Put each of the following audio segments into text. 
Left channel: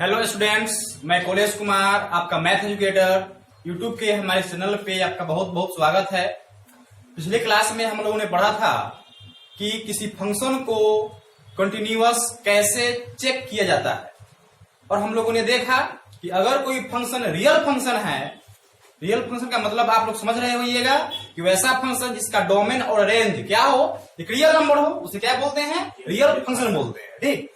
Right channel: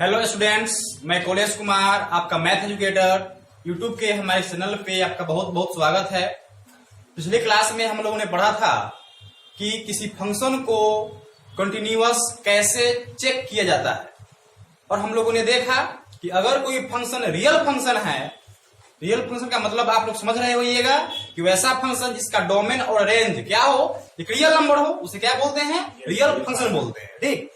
Hello students, मैं college Kumar आपका math educator YouTube के हमारे चैनल पे आपका बहुत बहुत स्वागत है। पिछले क्लास में हम लोगों ने पढ़ा था कि किसी फंक्शन को कंटिन्यूअस कैसे चेक किया जाता है और हम लोगों ने देखा कि अगर कोई फंक्शन रियल फंक्शन है, रियल फंक्शन का मतलब आप लोग समझ रहे होइएगा कि वैसा फंक्शन जिसका डोमेन और रेंज क्या हो, एक रियल नंबर हो, उसे क्या बोलते हैं? रियल फंक्शन बोलते हैं। ठीक,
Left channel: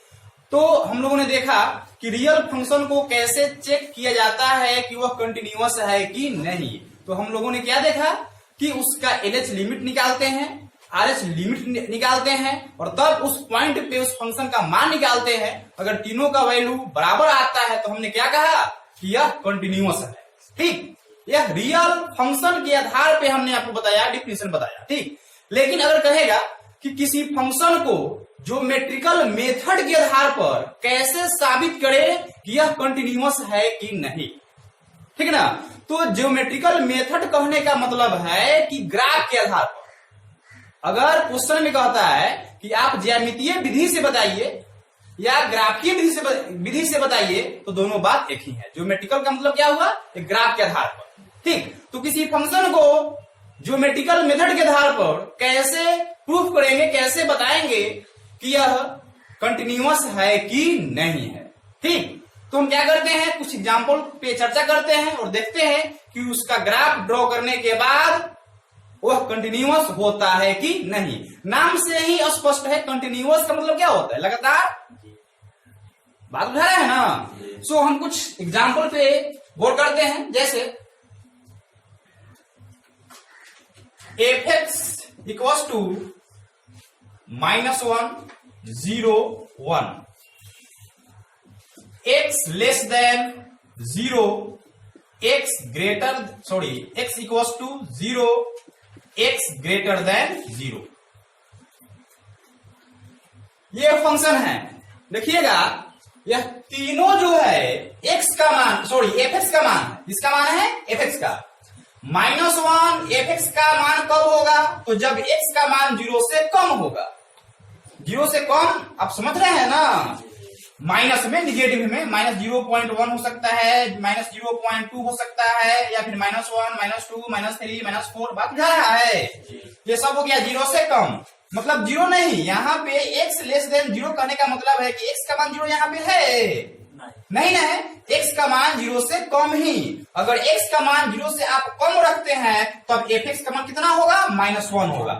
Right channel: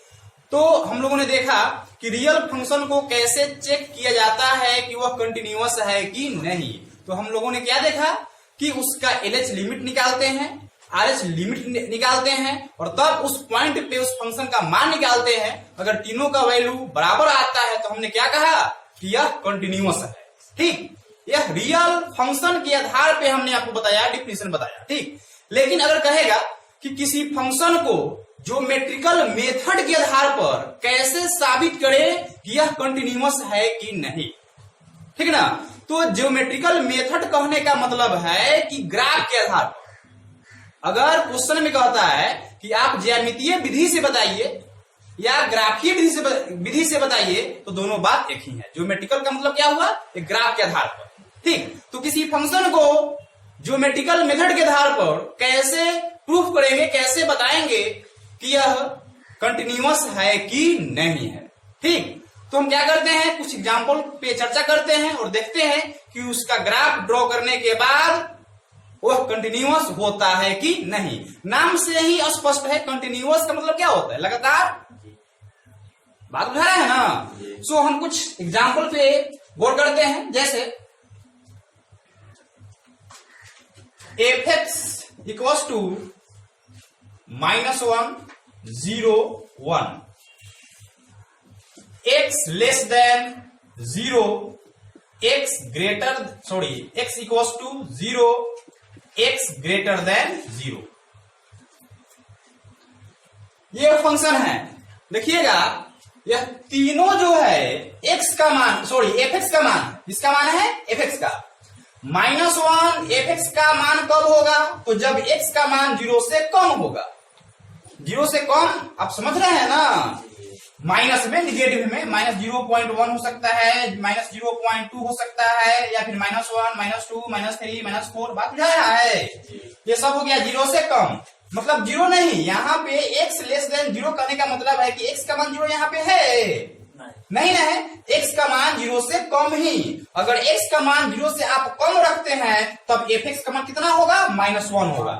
तो हम लोगों ने देखा कि रियल फंक्शन को कैसे चेक किया जाता है कि वह कंटिन्यूअस है कि नहीं। तो हम लोगों ने क्या देखा कि उसका एलएच लिमिट निकालते हैं, आरएच लिमिट निकालते हैं और तब उस पॉइंट पे उस फंक्शन का मान निकालते हैं। अगर तीनों का वैल्यू बराबर आता है तो हमने क्या कहा कि यह कंटिन्यूअस है। ठीक, यह रियल फंक्शन के आधार पे हमने आपको बताया, डिफिनेशन बताया। ठीक, लेकिन अगर कहेगा कि किसी फंक्शन को ज्योमेट्रिकल मेथड के आधार पर कैसे साबित करे कि यह कंटिन्यूअस है कि नहीं, ठीक ना। तो ज्योमेट्रिकल मेथड कहने का मतलब है कि ग्राफ के आधार पर। अगर क्वेश्चन में कहता है कि आप ज्यामितीय विधि से बताइए या ग्राफीय विधि से बताइए, तो दोनों बात एक ही है। ज्योमेट्रिकल का मतलब क्या हुआ? एक ग्राफ के आधार पर। ठीक, तो किसी फंक्शन को ज्योमेट्रिकल मेथड के आधार पर कैसे प्रूफ करेंगे, कैसे बताएंगे कि यह कंटिन्यूअस है कि नहीं है। ठीक, तो हम क्या करते हैं, कुछ एग्जांपल पे चर्चा करते हैं और देखते हैं कि उसका ग्राफ ड्रॉ करने के बाद वह कंटिन्यूअस होता है कि नहीं। नाम से ही स्पष्ट है, कंटिन्यूअस का मतलब क्या होता है? लगातार। बात उठा रहे हैं ना। सो हम कुछ एग्जांपल पे गौर करते हैं, जैसे f(x) equals to -1 0 1, x less than 0, x equals to 0, x greater than 0। ये फंक्शन है। देखिएगा, यह तीनों जो है x का मान, f(x) का मान, किसका मान है? f(x) का। -1 f(x) का मान कब होगा? तो जब x का मान 0 से कम होगा। 0 से कम, आप समझ रहे हैं ना। माइनस में, निगेटिव में -0.1 हो सकता है, -0.2 हो सकता है, या फिर -1, -2, -3, -4। बात बुझा रहा है? ये सब हो गया 0 से कम, मतलब 0 नहीं। यहाँ पे x लेस देन 0 कहने का मतलब है कि x का मान 0 यहाँ पे है नहीं है, x का मान 0 से कम ही। अगर x का मान 0 से आप कम रखते हैं तब f(x) का मान कितना होगा? -1 होगा।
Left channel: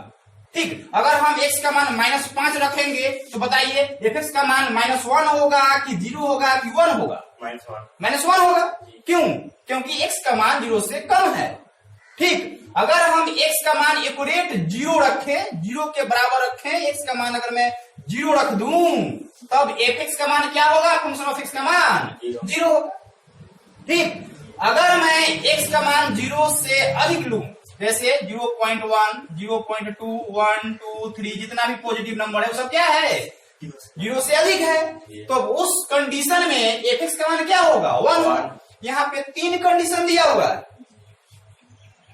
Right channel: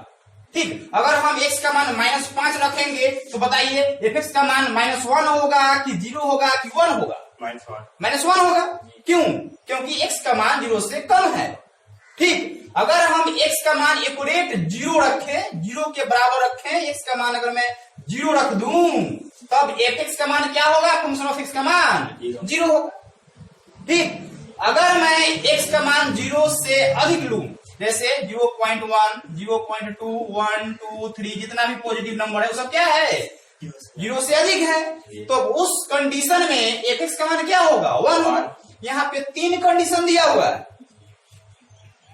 ठीक, अगर हम x का मान -5 रखेंगे तो बताइए f(x) का मान -1 होगा कि 0 होगा कि 1 होगा? -1 होगा। क्यों? क्योंकि x का मान 0 से कम है। ठीक, अगर हम x का मान एक्यूरेट 0 रखें, 0 के बराबर रखें, x का मान अगर मैं 0 रख दूं तब f(x) का मान क्या होगा? फंक्शन ऑफ x का मान 0 होगा। ठीक, अगर मैं x का मान 0 से अधिक लूं, जैसे 0.1, 0.2, 1, 2, 3, जितना भी पॉजिटिव नंबर है वो सब क्या है? 0 से अधिक है। तो उस कंडीशन में f(x) का मान क्या होगा? 1 होगा। यहाँ पे 3 कंडीशन दिया हुआ है।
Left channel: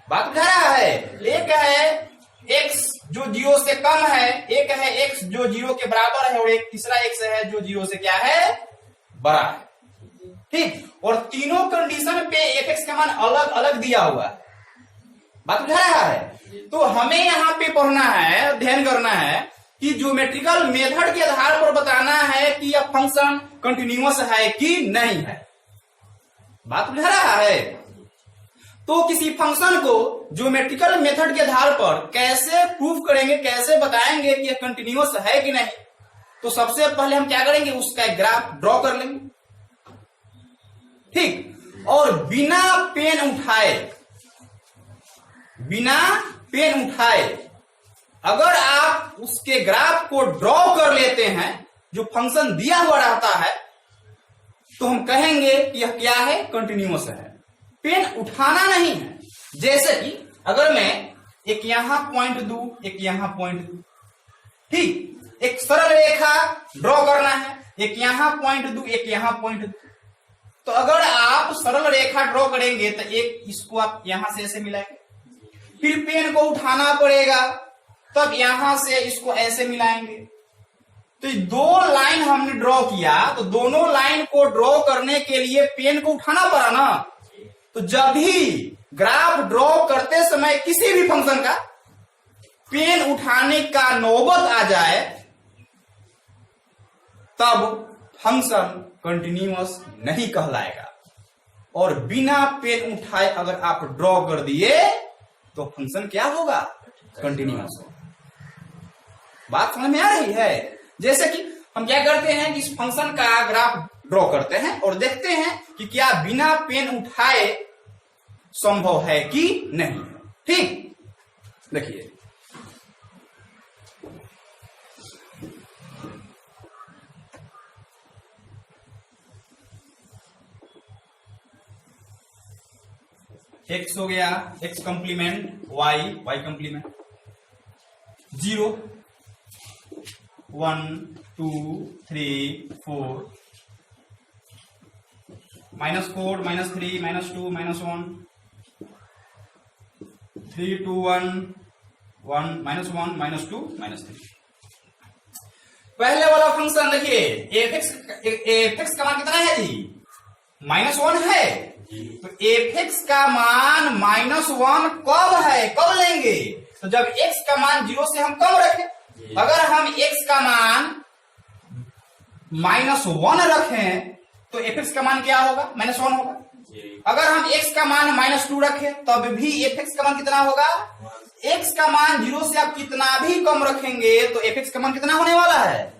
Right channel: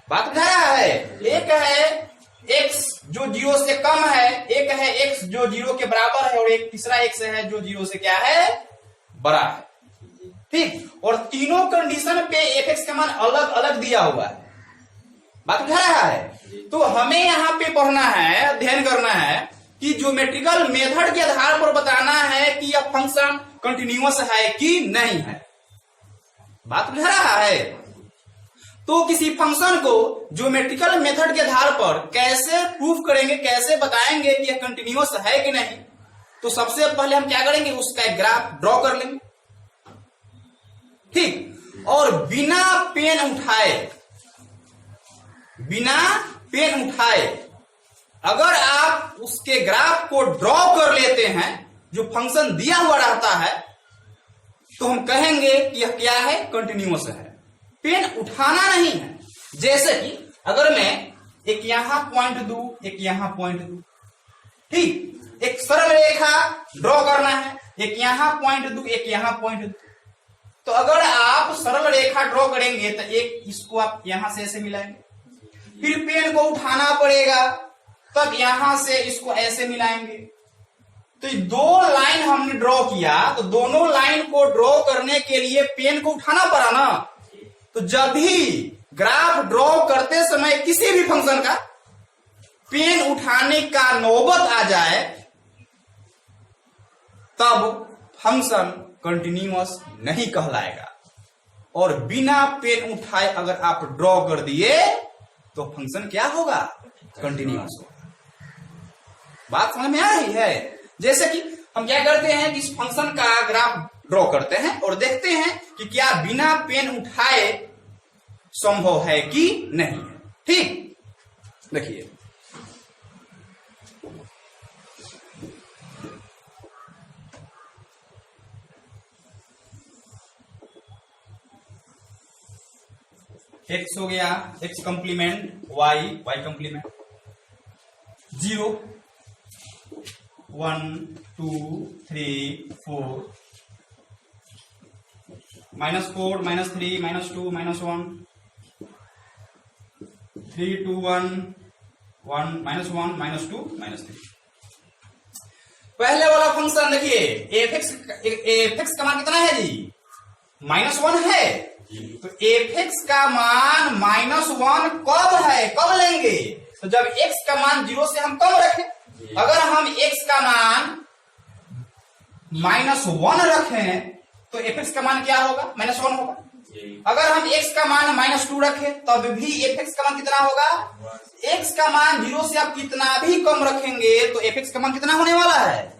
बात उठा रहा है? एक है x जो 0 से कम है, एक है x जो 0 के बराबर है, और एक तीसरा x है जो 0 से क्या है? बड़ा है। ठीक, और तीनों कंडीशन पे f(x) का मान अलग अलग दिया हुआ है। बात उठा रहा है? तो हमें यहाँ पे पढ़ना है, अध्ययन करना है कि ज्योमेट्रिकल मेथड के आधार पर बताना है कि यह फंक्शन कंटिन्यूअस है कि नहीं है। बात उठा रहा है? तो किसी फंक्शन को ज्योमेट्रिकल मेथड के आधार पर कैसे प्रूफ करेंगे, कैसे बताएंगे कि यह कंटिन्यूअस है कि नहीं। तो सबसे पहले हम क्या करेंगे, उसका एक ग्राफ ड्रॉ कर लेंगे। ठीक, और बिना पेन उठाए अगर आप उसके ग्राफ को ड्रॉ कर लेते हैं, जो फंक्शन दिया हुआ रहता है, तो हम कहेंगे कि यह क्या है? कंटिन्यूअस है। पेन उठाना नहीं है। जैसे कि अगर मैं एक यहां पॉइंट दूं, एक यहां पॉइंट दूं, ठीक, एक सरल रेखा ड्रॉ करना है, एक यहां पॉइंट दूं, एक यहां पॉइंट दूं। तो अगर आप सरल रेखा ड्रॉ करेंगे तो एक इसको आप यहां से ऐसे मिलाएंगे, फिर पेन को उठाना पड़ेगा, तब यहां से इसको ऐसे मिलाएंगे, तो ये दो लाइन हमने ड्रॉ किया, तो दोनों लाइन को ड्रॉ करने के लिए पेन को उठाना पड़ा ना। तो जब भी ग्राफ ड्रॉ करते समय किसी भी फंक्शन का पेन उठाने का नौबत आ जाए, तब फंक्शन कंटिन्यूअस नहीं कहलाएगा। और बिना पेन उठाए अगर आप ड्रॉ कर दिए तो फंक्शन क्या होगा? कंटिन्यूअस होगा। बात समझ में आ रही है? जैसे कि हम क्या करते हैं कि इस फंक्शन का ग्राफ ड्रॉ करते हैं और देखते हैं कि क्या बिना पेन उठाए संभव है कि नहीं है। ठीक, देखिए x हो गया x कंप्लीमेंट y कंप्लीमेंट 0 1 2 3 4 -4 -3 -2 -1 3 2 1 1 -1 -2 -3। पहले वाला फंक्शन देखिए fx का मान कितना है जी? -1 है। तो fx का मान -1 कब है, कब लेंगे? तो जब x का मान 0 से हम कम रखें। अगर हम x का मान -1 रखें तो fx का मान क्या होगा? -1 होगा। अगर हम x का मान -2 रखें तब भी fx का मान कितना होगा? x का मान 0 से आप कितना भी कम रखेंगे तो fx का मान कितना होने वाला है?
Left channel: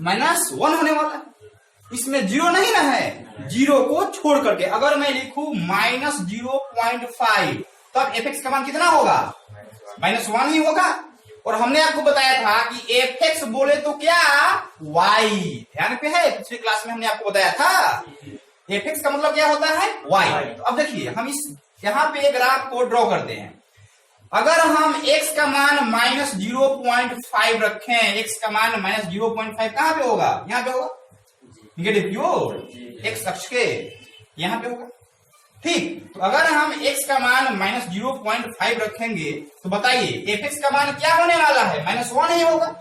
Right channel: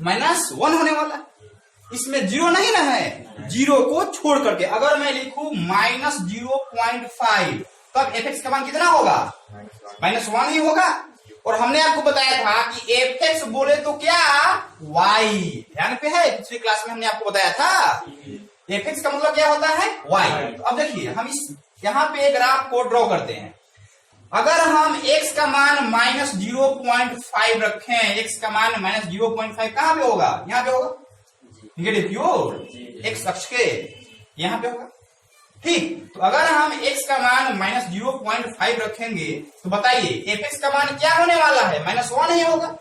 -1 होने वाला है। इसमें 0 नहीं ना है, 0 को छोड़ करके अगर मैं लिखूं -0.5 तब fx का मान कितना होगा? -1 ही होगा। और हमने आपको बताया था कि fx बोले तो क्या? y। ध्यान पे है, पिछली क्लास में हमने आपको बताया था fx का मतलब क्या होता है? y। तो अब देखिए हम इस यहां पे ग्राफ को ड्रॉ करते हैं। अगर हम x का मान -0.5 रखें, x का मान -0.5 कहां पे होगा? यहां पे होगा, निगेटिव की ओर, x अक्ष के यहां पे होगा। ठीक, तो अगर हम x का मान -0.5 रखेंगे तो बताइए fx का मान क्या होने वाला है? -1 ही होगा।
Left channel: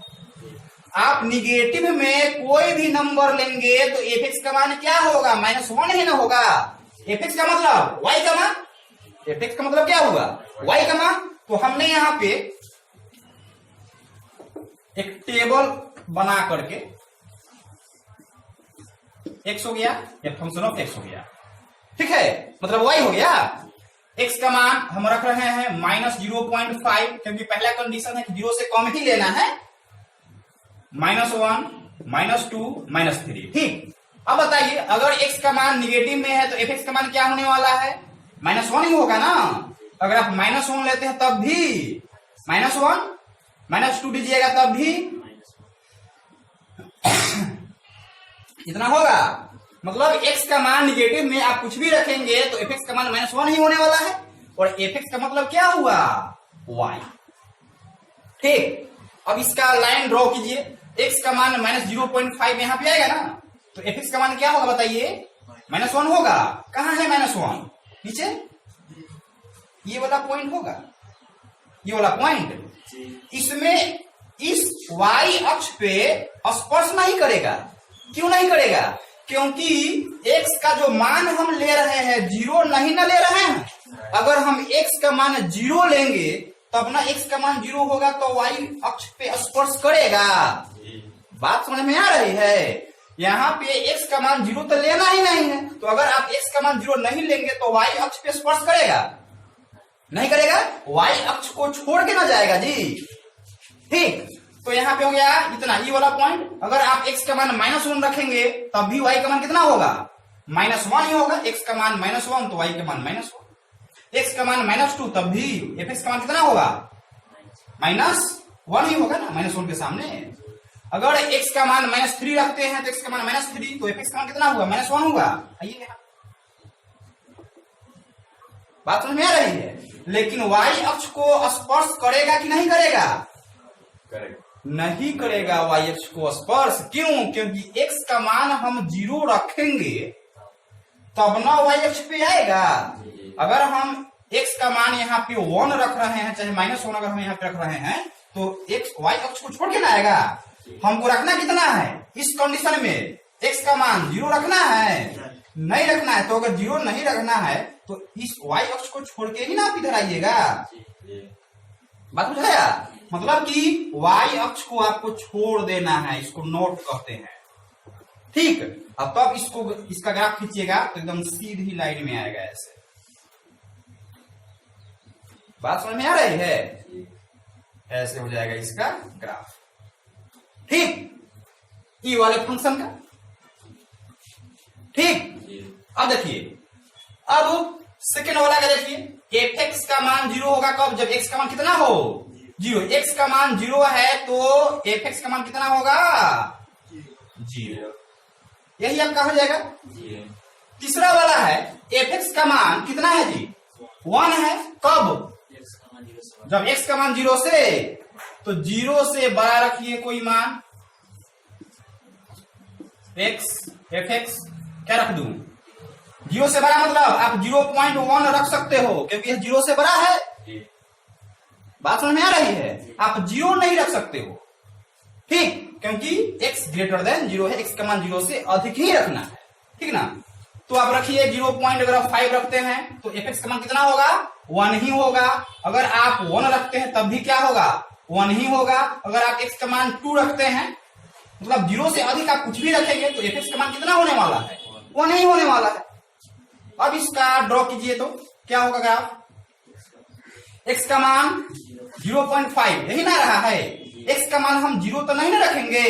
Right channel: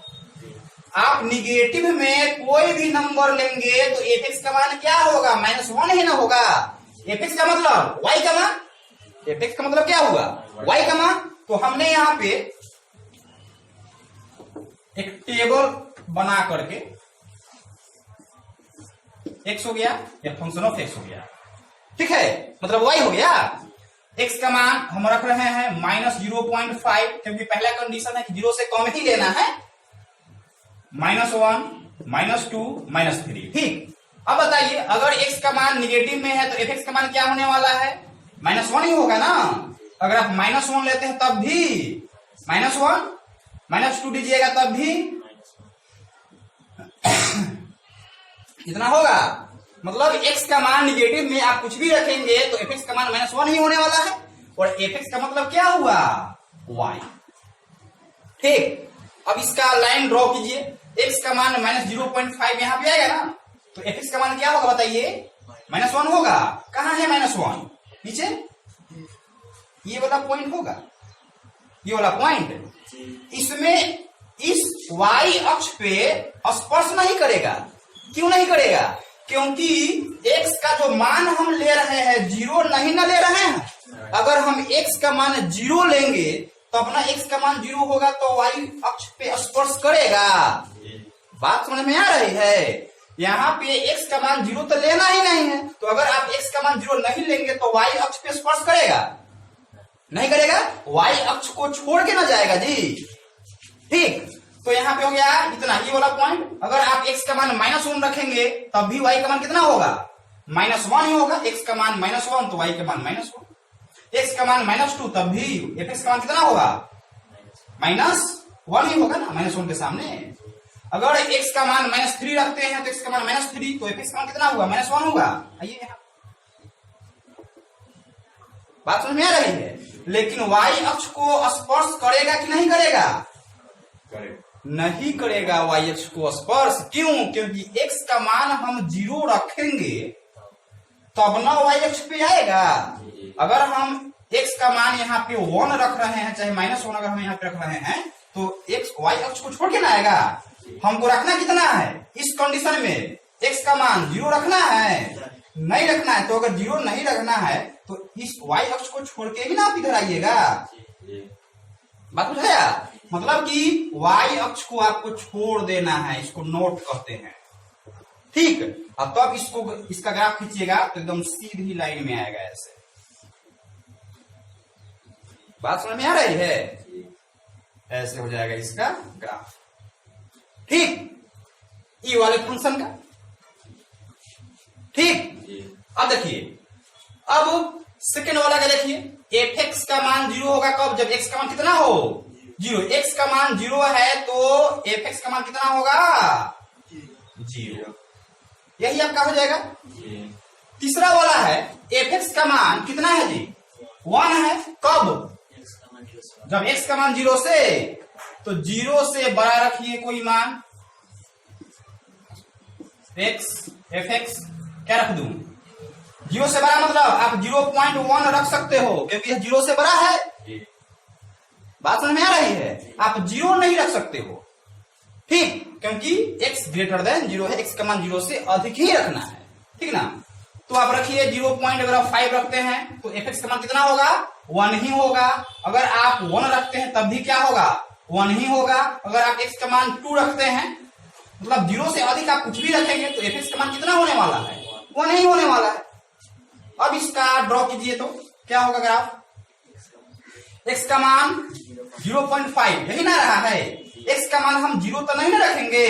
आप निगेटिव में कोई भी नंबर लेंगे तो fx का मान क्या होगा? -1 ही ना होगा। fx का मतलब y का मान, fx का मतलब क्या हुआ? y का मान। तो हमने यहां पे एक टेबल बना करके x हो गया या फंक्शन ऑफ x हो गया, ठीक है, मतलब y हो गया। x का मान हम रख रहे हैं -0.5 क्योंकि पहला कंडीशन है कि 0 से कम ही लेना है। -1 -2 -3। ठीक, अब बताइए अगर x का मान निगेटिव में है तो fx का मान क्या होने वाला है? -1 ही होगा ना। अगर आप -1 लेते हैं तब भी -1, -2 दीजिएगा तब भी इतना होगा। मतलब x का मान निगेटिव में आप कुछ भी रखेंगे तो fx का मान -1 ही होने वाला है। और fx का मतलब क्या हुआ? y। ठीक, अब इसका लाइन ड्रॉ कीजिए। x का मान -0.5 यहां पे आएगा ना, तो fx का मान क्या होगा बताइए? -1 होगा। कहां है -1? नीचे ये वाला पॉइंट होगा, ये वाला पॉइंट। इसमें इस y अक्ष पे स्पर्श नहीं करेगा। क्यों नहीं करेगा? क्योंकि x का जो मान हम ले रहे हैं 0 नहीं ना ले रहे हैं। अगर हम x का मान 0 लेंगे तो अपना x का मान 0 होगा तो y अक्ष पे स्पर्श करेगा। बात समझ में आ रही है? यहाँ पे x का मान 0 तो लेना ही नहीं है, तो अगर आप x का मान 0 नहीं लेंगे तो y अक्ष पे स्पर्श करेगा? नहीं करेगा, y अक्ष को छोड़ के ना जाएगा जी। ठीक, तो यहाँ पे हो गया इतना, ये वाला पॉइंट। अगर आप x का मान -1 रखेंगे तब भी y का मान कितना होगा? -1 ही होगा। x का मान -1 तो y का मान -1। x का मान -2 तब भी fx का मान कितना होगा? -1 ही होगा ना, -1 के सामने। अगर x का मान -3 रखते हैं तो x का मान -3 तो fx का मान कितना होगा? -1 होगा। आइए यहाँ बात समझ में आ रही है? लेकिन y अक्ष को स्पर्श करेगा कि नहीं करेगा? नहीं करेगा y अक्ष को स्पर्श। क्यों? क्योंकि x का मान हम 0 रखेंगे तब ना y अक्ष पे आएगा। अगर हम x का मान यहाँ पे 1 रख रहे हैं, चाहे -1 अगर हम यहाँ पे रख रहे हैं, तो x y अक्ष को छोड़ के ना आएगा। हमको रखना कितना है इस कंडीशन में, x का मान 0 रखना है, नहीं रखना है। तो अगर 0 नहीं रखना है तो इस y अक्ष को छोड़ के ही ना आप इधर आइएगा। बात बुझाया? मतलब कि y अक्ष को आपको छोड़ देना है, इसको नोट कहते हैं। ठीक, अब तब इसको इसका ग्राफ खींचिएगा तो एकदम सीधी लाइन में आएगा ऐसे। बात समझ में आ रही है? ऐसे हो जाएगा इसका ग्राफ। ठीक, ये वाले फंक्शन का। ठीक, अब देखिए, अब सेकेंड वाला का देखिए, fx का मान 0 होगा कब? जब x का मान कितना हो? 0। x का मान 0 है तो fx का मान कितना होगा? 0। यही आपका हो जाएगा। तीसरा वाला है, fx का मान कितना है जी? 1 है। कब? जब x का मान 0 से, तो 0 से बड़ा रखिए कोई मान, fx क्या रख दूं? 0 से बड़ा मतलब आप 0.1 रख सकते हो, क्योंकि यह 0 से बड़ा है। बात समझ में आ रही है? आप 0 नहीं रख सकते हो। ठीक, क्योंकि x ग्रेटर देन 0 है, x का मान 0 से अधिक ही रखना है। ठीक ना? तो आप रखिए 0.5 रखते हैं तो fx का मान कितना होगा? 1 ही होगा। अगर आप 1 रखते हैं तब भी क्या होगा? 1 ही होगा। अगर आप x का मान 2 रखते हैं, मतलब 0 से अधिक आप कुछ भी रखेंगे तो fx का मान कितना होने वाला है? 1 ही होने वाला है। अब इसका ड्रॉ कीजिए तो क्या होगा ग्राफ? x का मान 0.5 यही ना रहा है। x का मान हम 0 तो नहीं ना रखेंगे।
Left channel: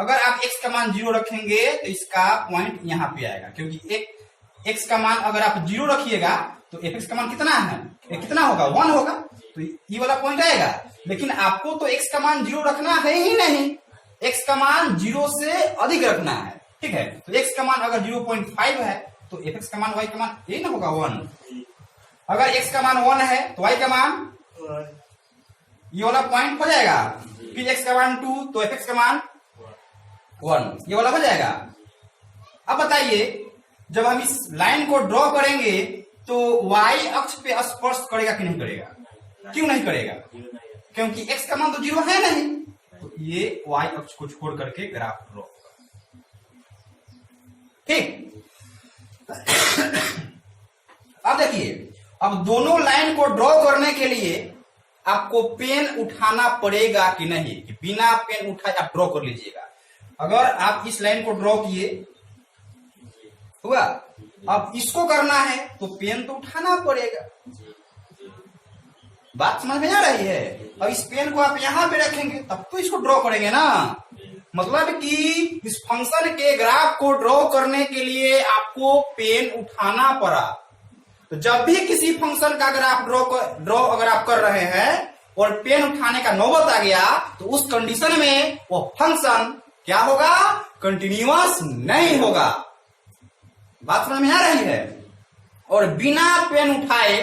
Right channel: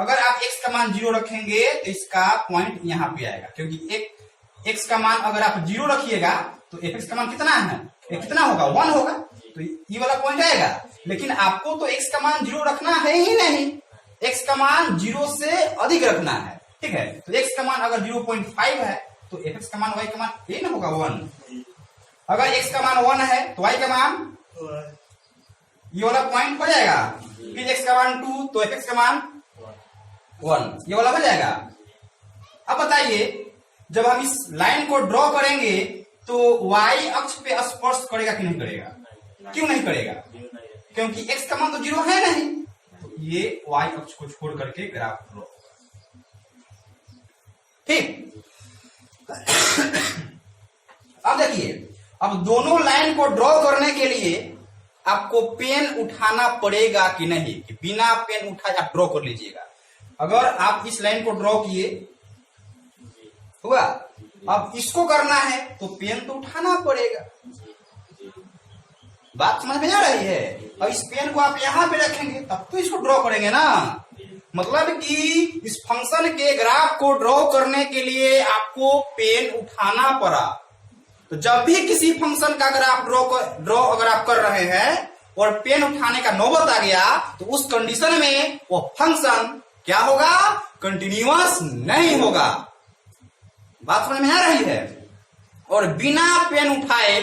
अगर आप x का मान 0 रखेंगे तो इसका पॉइंट यहाँ पे आएगा, क्योंकि x का मान अगर आप 0 रखिएगा तो fx का मान कितना है? कितना होगा? 1 होगा। तो ये वाला पॉइंट आएगा। लेकिन आपको तो x का मान 0 रखना है ही नहीं, x का मान 0 से अधिक रखना है। ठीक है, तो x का मान अगर 0.5 है तो fx का मान y का मान यही ना होगा 1। अगर x का मान 1 है तो y का मान ये वाला पॉइंट हो जाएगा। फिर x का मान 2 तो fx का मान 1, ये वाला हो जाएगा। अब बताइए, जब हम इस लाइन को ड्रॉ करेंगे तो y अक्ष पे स्पर्श करेगा कि नहीं करेगा? क्यों नहीं करेगा? क्योंकि x का मान तो 0 है नहीं। तो ये y अक्ष को छोड़ करके ग्राफ ड्रॉ होगा। ठीक, अब देखिए, अब दोनों लाइन को ड्रॉ करने के लिए आपको पेन उठाना पड़ेगा कि नहीं, कि बिना पेन उठाए आप ड्रॉ कर लीजिएगा। अगर आप इस लाइन को ड्रॉ किए हुआ, अब इसको करना है तो पेन तो उठाना पड़ेगा। बात समझ में आ रही है? अब इस पेन को आप यहां पे रखेंगे तब तो इसको ड्रॉ करेंगे ना। मतलब कि इस फंक्शन के ग्राफ को ड्रॉ करने के लिए आपको पेन उठाना पड़ा। तो जब भी किसी फंक्शन का ग्राफ ड्रॉ अगर आप कर रहे हैं और पेन उठाने का नौबत आ गया तो उस कंडीशन में वो फंक्शन क्या होगा? कंटिन्यूअस नहीं होगा। बात समझ में आ रही है? और बिना पेन उठाए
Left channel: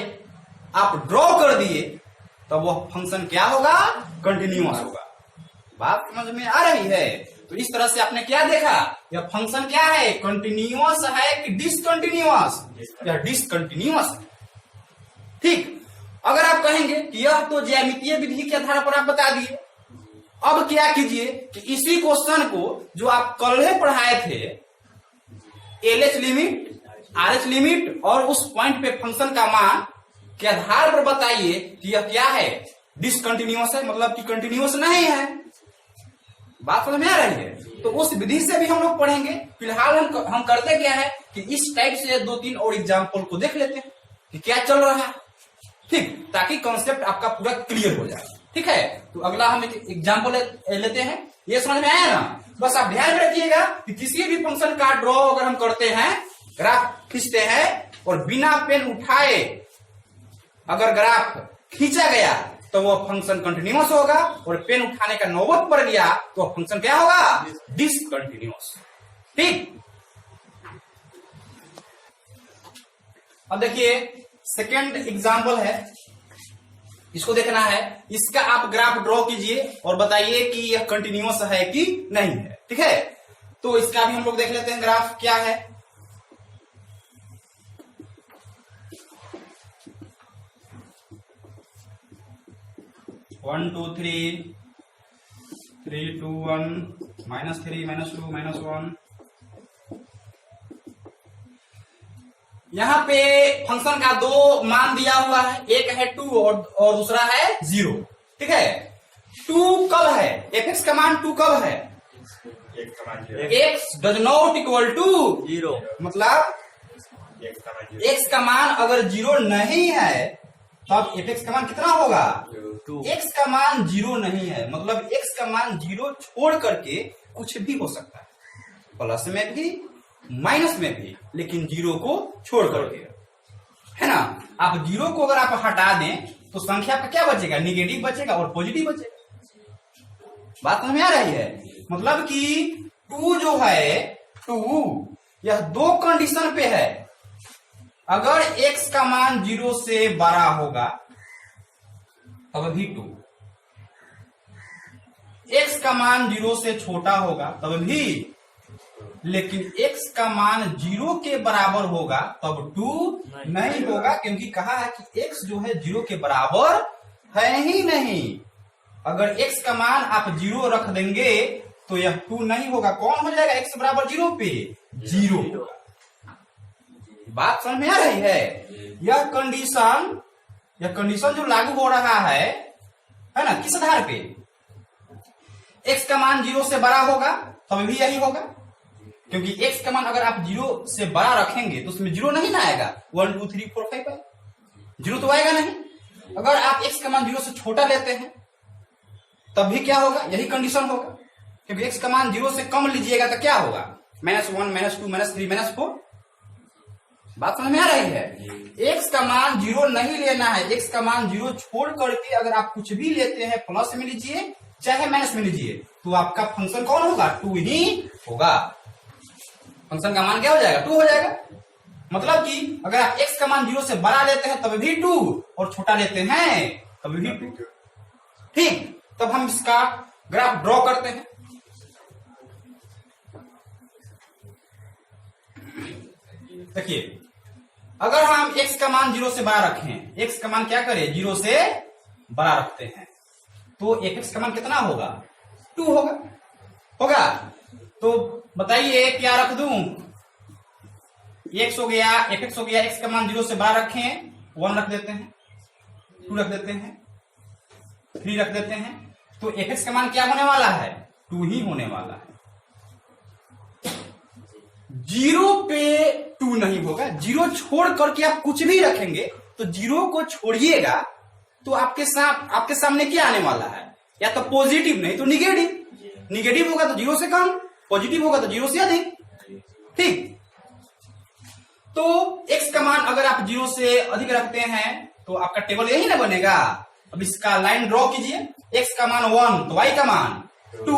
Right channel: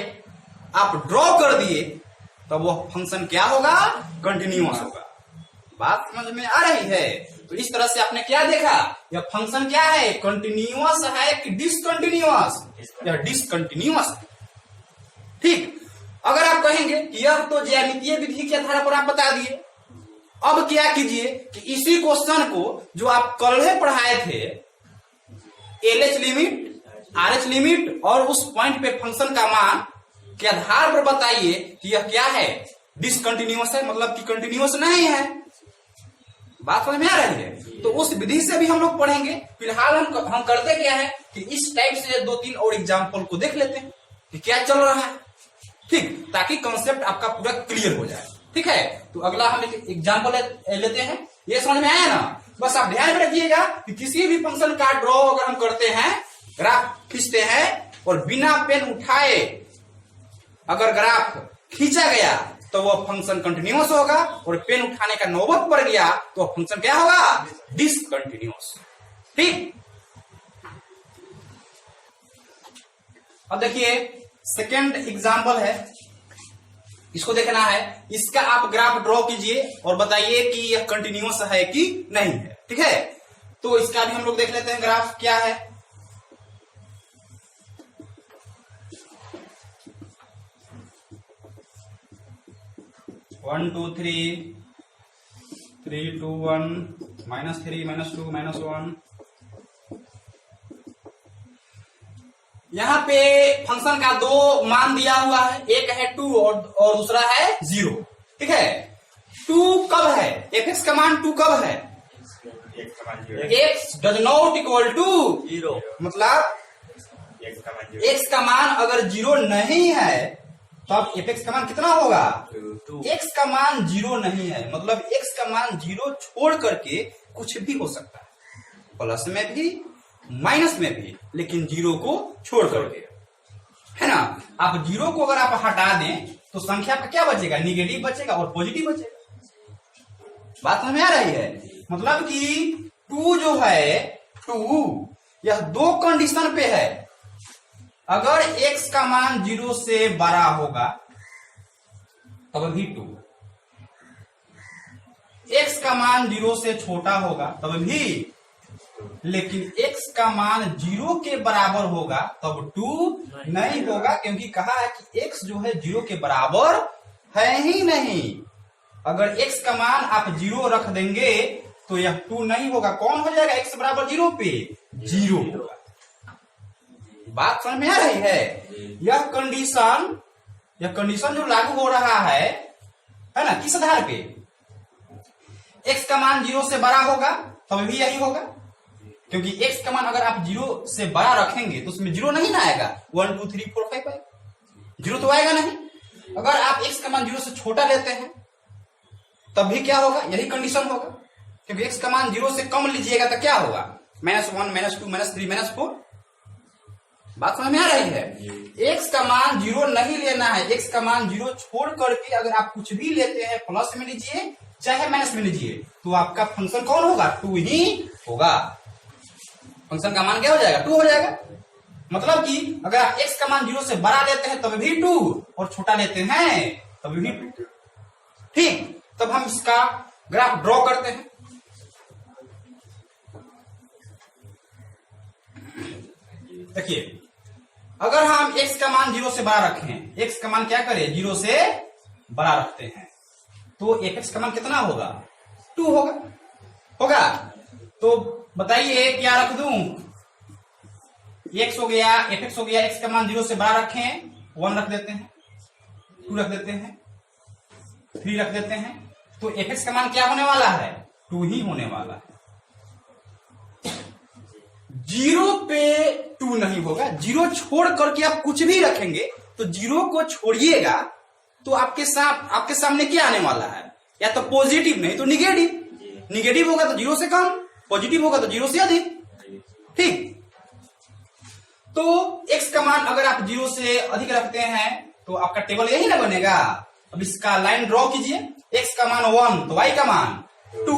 आप ड्रॉ कर दिए तब वो फंक्शन क्या होगा? कंटिन्यूअस होगा। बात समझ में आ रही है? तो इस तरह से आपने क्या देखा, यह फंक्शन क्या है? कंटिन्यूअस है कि डिसकंटिन्यूअस? यह डिसकंटिन्यूअस है। ठीक, अगर आप कहेंगे कि यह तो ज्यामितीय विधि के आधार पर आप बता दिए, अब क्या कीजिए कि इसी क्वेश्चन को जो आप कल पढ़ाए थे, LH लिमिट, RH लिमिट और उस पॉइंट पे फंक्शन का मान के आधार पर बताइए कि यह क्या है? डिसकंटिन्यूअस है, मतलब कि कंटिन्यूअस नहीं है। बात समझ में आ रही है? तो उस विधि से भी हम लोग पढ़ेंगे। फिलहाल हम करते क्या है कि इस टाइप से 2-3 और एग्जाम्पल को देख लेते हैं कि क्या चल रहा है। ठीक, ताकि कॉन्सेप्ट आपका पूरा क्लियर हो जाए। ठीक है, तो अगला हम एग्जाम्पल लेते हैं। ये समझ में आया ना? बस आप ध्यान में रखिएगा कि किसी भी फंक्शन का ड्रॉ अगर हम करते हैं, ग्राफ खींचते हैं और बिना पेन उठाए अगर ग्राफ खींचा गया तो वो फंक्शन कंटिन्यूअस होगा, और पेन उठाने का नौबत पड़ गया तो फंक्शन क्या होगा? डिसकंटिन्यूअस। ठीक, अब देखिए सेकेंड एग्जाम्पल है, इसको देखना है। इसका आप ग्राफ ड्रॉ कीजिए और बताइए कि यह कंटिन्यूअस है कि नहीं है। ठीक है, तो इसका भी हम लोग देख लेते हैं ग्राफ क्या है। One two three 3 2 1 -3 -2 -1। यहाँ पे फंक्शन का दो मान दिया हुआ है, एक है 2 और दूसरा है 0। ठीक है, 2 कब है, fx का मान 2 कब है, x does not equal to 0, मतलब x का मान अगर 0 नहीं है तब fx का मान कितना होगा 2। x का मान 0 नहीं है, मतलब x का मान 0 छोड़ करके कुछ भी हो सकता है, प्लस में भी माइनस में भी, लेकिन 0 को छोड़ करके, है ना। आप 0 को अगर आप हटा दें तो संख्या आपका क्या बचेगा, निगेटिव बचेगा और पॉजिटिव बचेगा। बात समझ में आ रही है, मतलब कि 2 जो है 2 यह दो कंडीशन पे है। अगर x का मान 0 से बड़ा होगा तब भी 2, x का मान 0 से छोटा होगा तब भी, लेकिन x का मान 0 के बराबर होगा तब 2 नहीं होगा, क्योंकि कहा है कि x जो है 0 के बराबर है ही नहीं। अगर x का मान आप 0 रख देंगे तो यह 2 नहीं होगा, कौन हो जाएगा x बराबर 0 पे 0 होगा। बात समझ में आ रही है, यह कंडीशन जो लागू हो रहा है ना, किस आधार पे, x का मान 0 से बड़ा होगा तब भी यही होगा, क्योंकि x का मान अगर आप 0 से बड़ा रखेंगे तो उसमें 0 नहीं ना आएगा, 1 2 3 4 5 0 तो आएगा नहीं। अगर आप x का मान 0 से छोटा लेते हैं तब भी क्या होगा, यही कंडीशन होगा, क्योंकि x का मान 0 से कम लीजिएगा तो क्या होगा, -1 -2 -3 -4। बात समझ में आ रही है, x का मान 0 नहीं लेना है, x का मान 0 छोड़ करके अगर आप कुछ भी लेते हैं, प्लस में लीजिए चाहे माइनस में लीजिए, तो आपका फंक्शन कौन होगा, 2 ही होगा। फंक्शन का मान क्या हो जाएगा, 2 हो जाएगा। मतलब कि अगर आप x का मान 0 से बड़ा लेते हैं तब भी 2 और छोटा लेते हैं तब भी 2। ठीक, तब हम इसका ग्राफ ड्रॉ करते हैं। देखिए, अगर हम x का मान 0 से बड़ा रखें, x का मान क्या करें 0 से बड़ा रखते हैं, तो fx का मान कितना होगा, 2 होगा। तो बताइए क्या रख दूं, x हो गया, fx हो गया, x का मान 0 से बड़ा रखें, 1 रख देते हैं, 2 रख देते हैं, 3 रख देते हैं, तो fx का मान क्या होने वाला है, 2 ही होने वाला है। 0 पे 2 नहीं होगा, 0 छोड़ करके आप कुछ भी रखेंगे तो 0 को छोड़िएगा तो आपके सामने क्या आने वाला है, या तो पॉजिटिव नहीं तो निगेटिव। निगेटिव होगा तो 0 से कम, पॉजिटिव होगा तो 0 से अधिक। ठीक, तो x का मान अगर आप 0 से अधिक रखते हैं तो आपका टेबल यही ना बनेगा। अब इसका लाइन ड्रॉ कीजिए, x का मान 1 तो y का मान 2,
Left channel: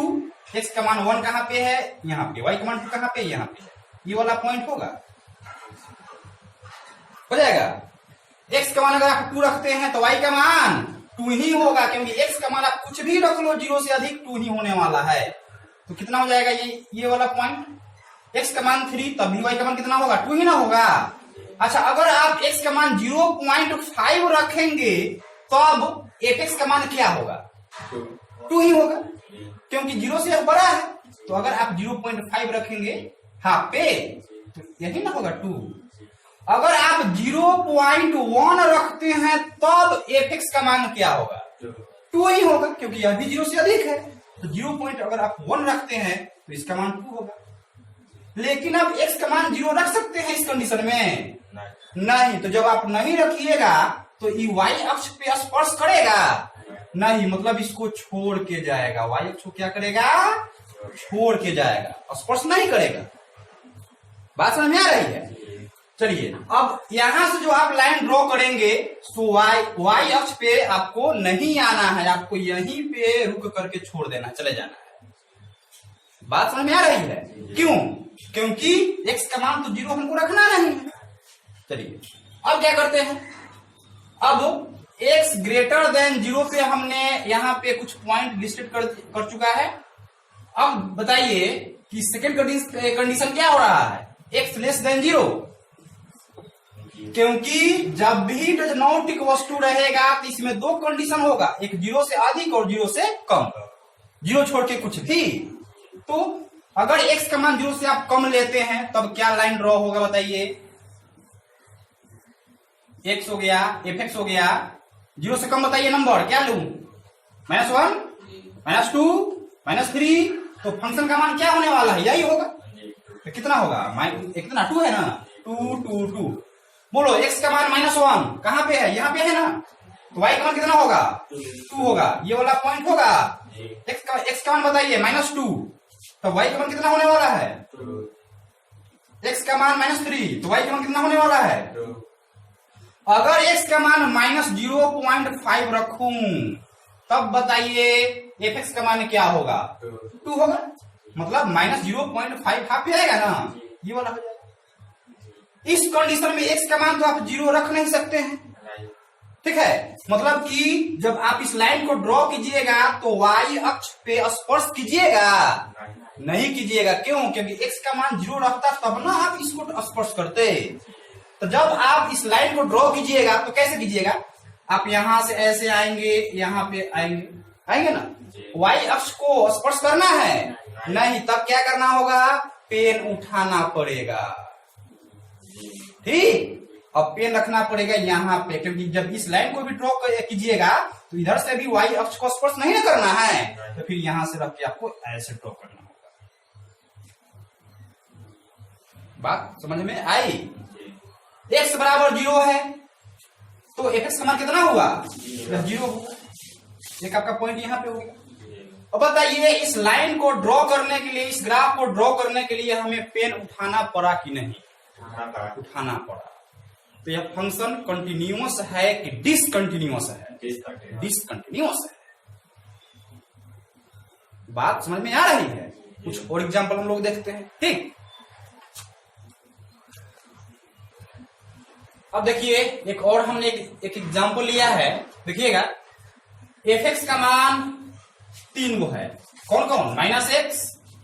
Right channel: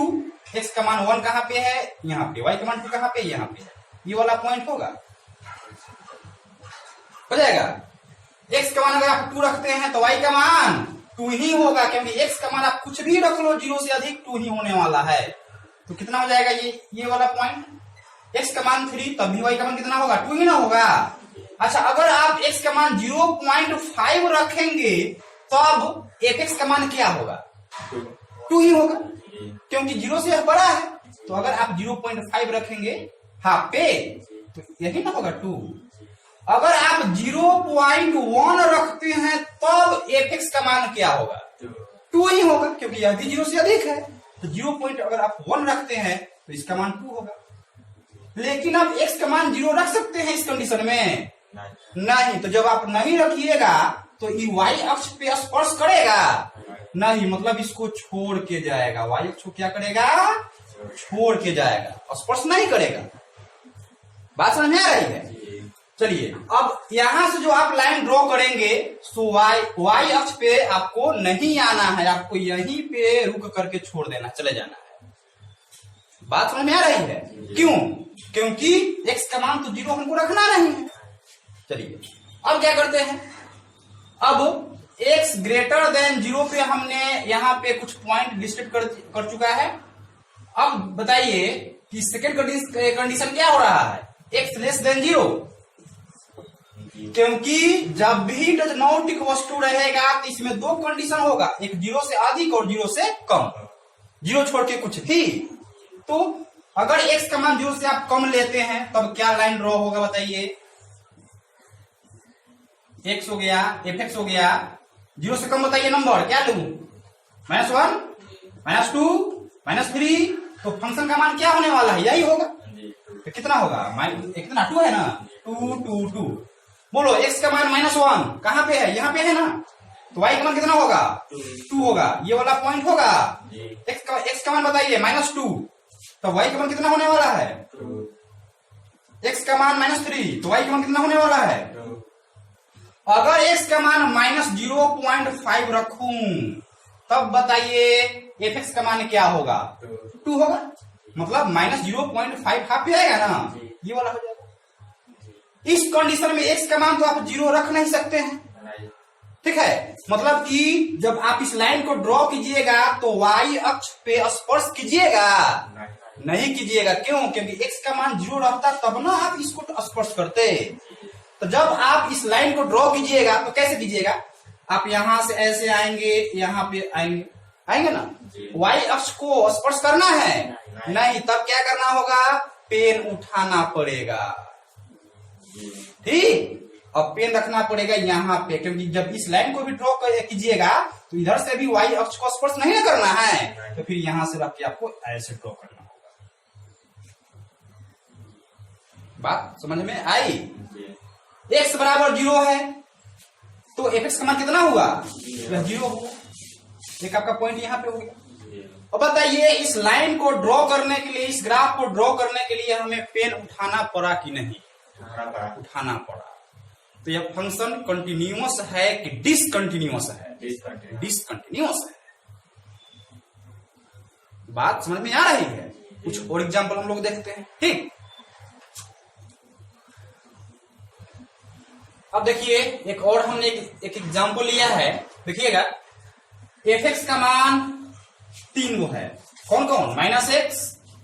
x का मान 1 कहां पे है, यहाँ पे, y का मान 2 कहां पे, यहाँ पे, ये वाला पॉइंट होगा, हो जाएगा। x का मान अगर आप 2 रखते हैं तो y का मान 2 ही होगा, क्योंकि x का मान आप कुछ भी रख लो 0 से अधिक 2 ही होने वाला है। तो कितना हो जाएगा ये वाला पॉइंट, x का मान 3 तब भी y का मान कितना होगा, 2 ही ना होगा। अच्छा, अगर आप x का मान 0.5 रखेंगे तब fx का मान क्या होगा, 2 ही होगा, क्योंकि 0 से बड़ा है। तो अगर आप 0.5 रखेंगे हाफ पे तो यही ना होगा 2। अगर आप 0.1 रखते हैं तब fx का मान क्या होगा, 2 ही होगा, क्योंकि यह भी 0 से अधिक है। तो 0 अगर आप 1 रखते हैं तो इसका मान 2 होगा। लेकिन आप x का मान 0 रख सकते हैं इस कंडीशन में, नहीं। तो जब आप नहीं रखिएगा तो ये y अक्ष पे स्पर्श करेगा नहीं, मतलब इसको छोड़ के जाएगा, y अक्ष को क्या करेगा, छोड़ के जाएगा, स्पर्श नहीं करेगा। बात समझ में आ रही है। चलिए, अब यहां से जो आप लाइन ड्रॉ करेंगे तो y अक्ष पे आपको नहीं आना है, आपको यहीं पे रुक करके छोड़ देना, चले जाना है। बात समझ में आ रही है, क्यों, क्योंकि x का मान तो 0 हमको रखना नहीं है। चलिए, अब क्या करते हैं, अब x ग्रेटर देन 0 पे हमने यहाँ पे कुछ पॉइंट लिस्टेड कर चुका है। अब बताइए कि सेकेंड कंडीशन क्या हो रहा है, x लेस देन 0, क्योंकि जब भी डज नॉट इक्वल टू रहेगा तो इसमें दो कंडीशन होगा, एक 0 से अधिक और 0 से कम। जीरो छोड़ के कुछ थी। तो अगर x का मान जीरो से आप कम लेते हैं तब क्या लाइन ड्रॉ होगा बताइए। x हो गया, fx हो गया, जीरो से कम बताइए नंबर क्या लू, -1, -2, -3। तो फंक्शन का मान क्या होने वाला है, यही होगा। तो कितना होगा, कितना 2 है ना, 2 2 2। बोलो x का मान -1 कहां पे है, यहां पे है ना, तो y का मान कितना होगा, 2 होगा। ये वाला पॉइंट होगा। x का मान बताइए -2, तो y का मान कितना होने वाला है, x का मान -3, तो y का मान कितना होने वाला है। अगर x का मान -0.5 रखूं तब बताइए fx का मान क्या होगा, 2 होगा। मतलब -0.5 हाफ पे आएगा ना, ये वाला हो जाएगा। इस कंडीशन में x का मान तो आप 0 रख नहीं सकते हैं, ठीक है। मतलब कि जब आप इस लाइन को ड्रॉ कीजिएगा तो y अक्ष पे स्पर्श कीजिएगा नहीं कीजिएगा। क्यों, क्योंकि x का मान 0 रहता तब ना आप इसको स्पर्श करते। तो जब आप इस लाइन को ड्रॉ कीजिएगा तो कैसे कीजिएगा, आप यहां से ऐसे आएंगे, यहां पे आएंगे ना, y अक्ष को स्पर्श करना है नहीं, तब क्या करना होगा, पेन उठाना पड़ेगा, ठीक। अब पेन रखना पड़ेगा यहाँ पे, क्योंकि जब इस लाइन को भी ड्रॉ कीजिएगा तो इधर से भी y अक्ष को स्पर्श नहीं करना है, तो फिर यहां से रख के आपको ऐसे ड्रॉ करना होगा। बात समझ में आई। x बराबर 0 है तो fx का मान कितना हुआ, 0 होगा। एक आपका पॉइंट यहाँ पे हो गया। अब बताइए इस लाइन को ड्रॉ करने के लिए, इस ग्राफ को ड्रॉ करने के लिए हमें पेन उठाना पड़ा कि नहीं, उठाना पड़ा। तो यह फंक्शन कंटिन्यूअस है कि डिसकंटिन्यूअस है, डिसकंटिन्यूअस है। बात समझ में आ रही है। कुछ और एग्जांपल हम लोग देखते हैं, ठीक। अब देखिए एक और हमने एक एग्जांपल लिया है, देखिएगा। fx का मान 3 वो है, कौन कौन, -x,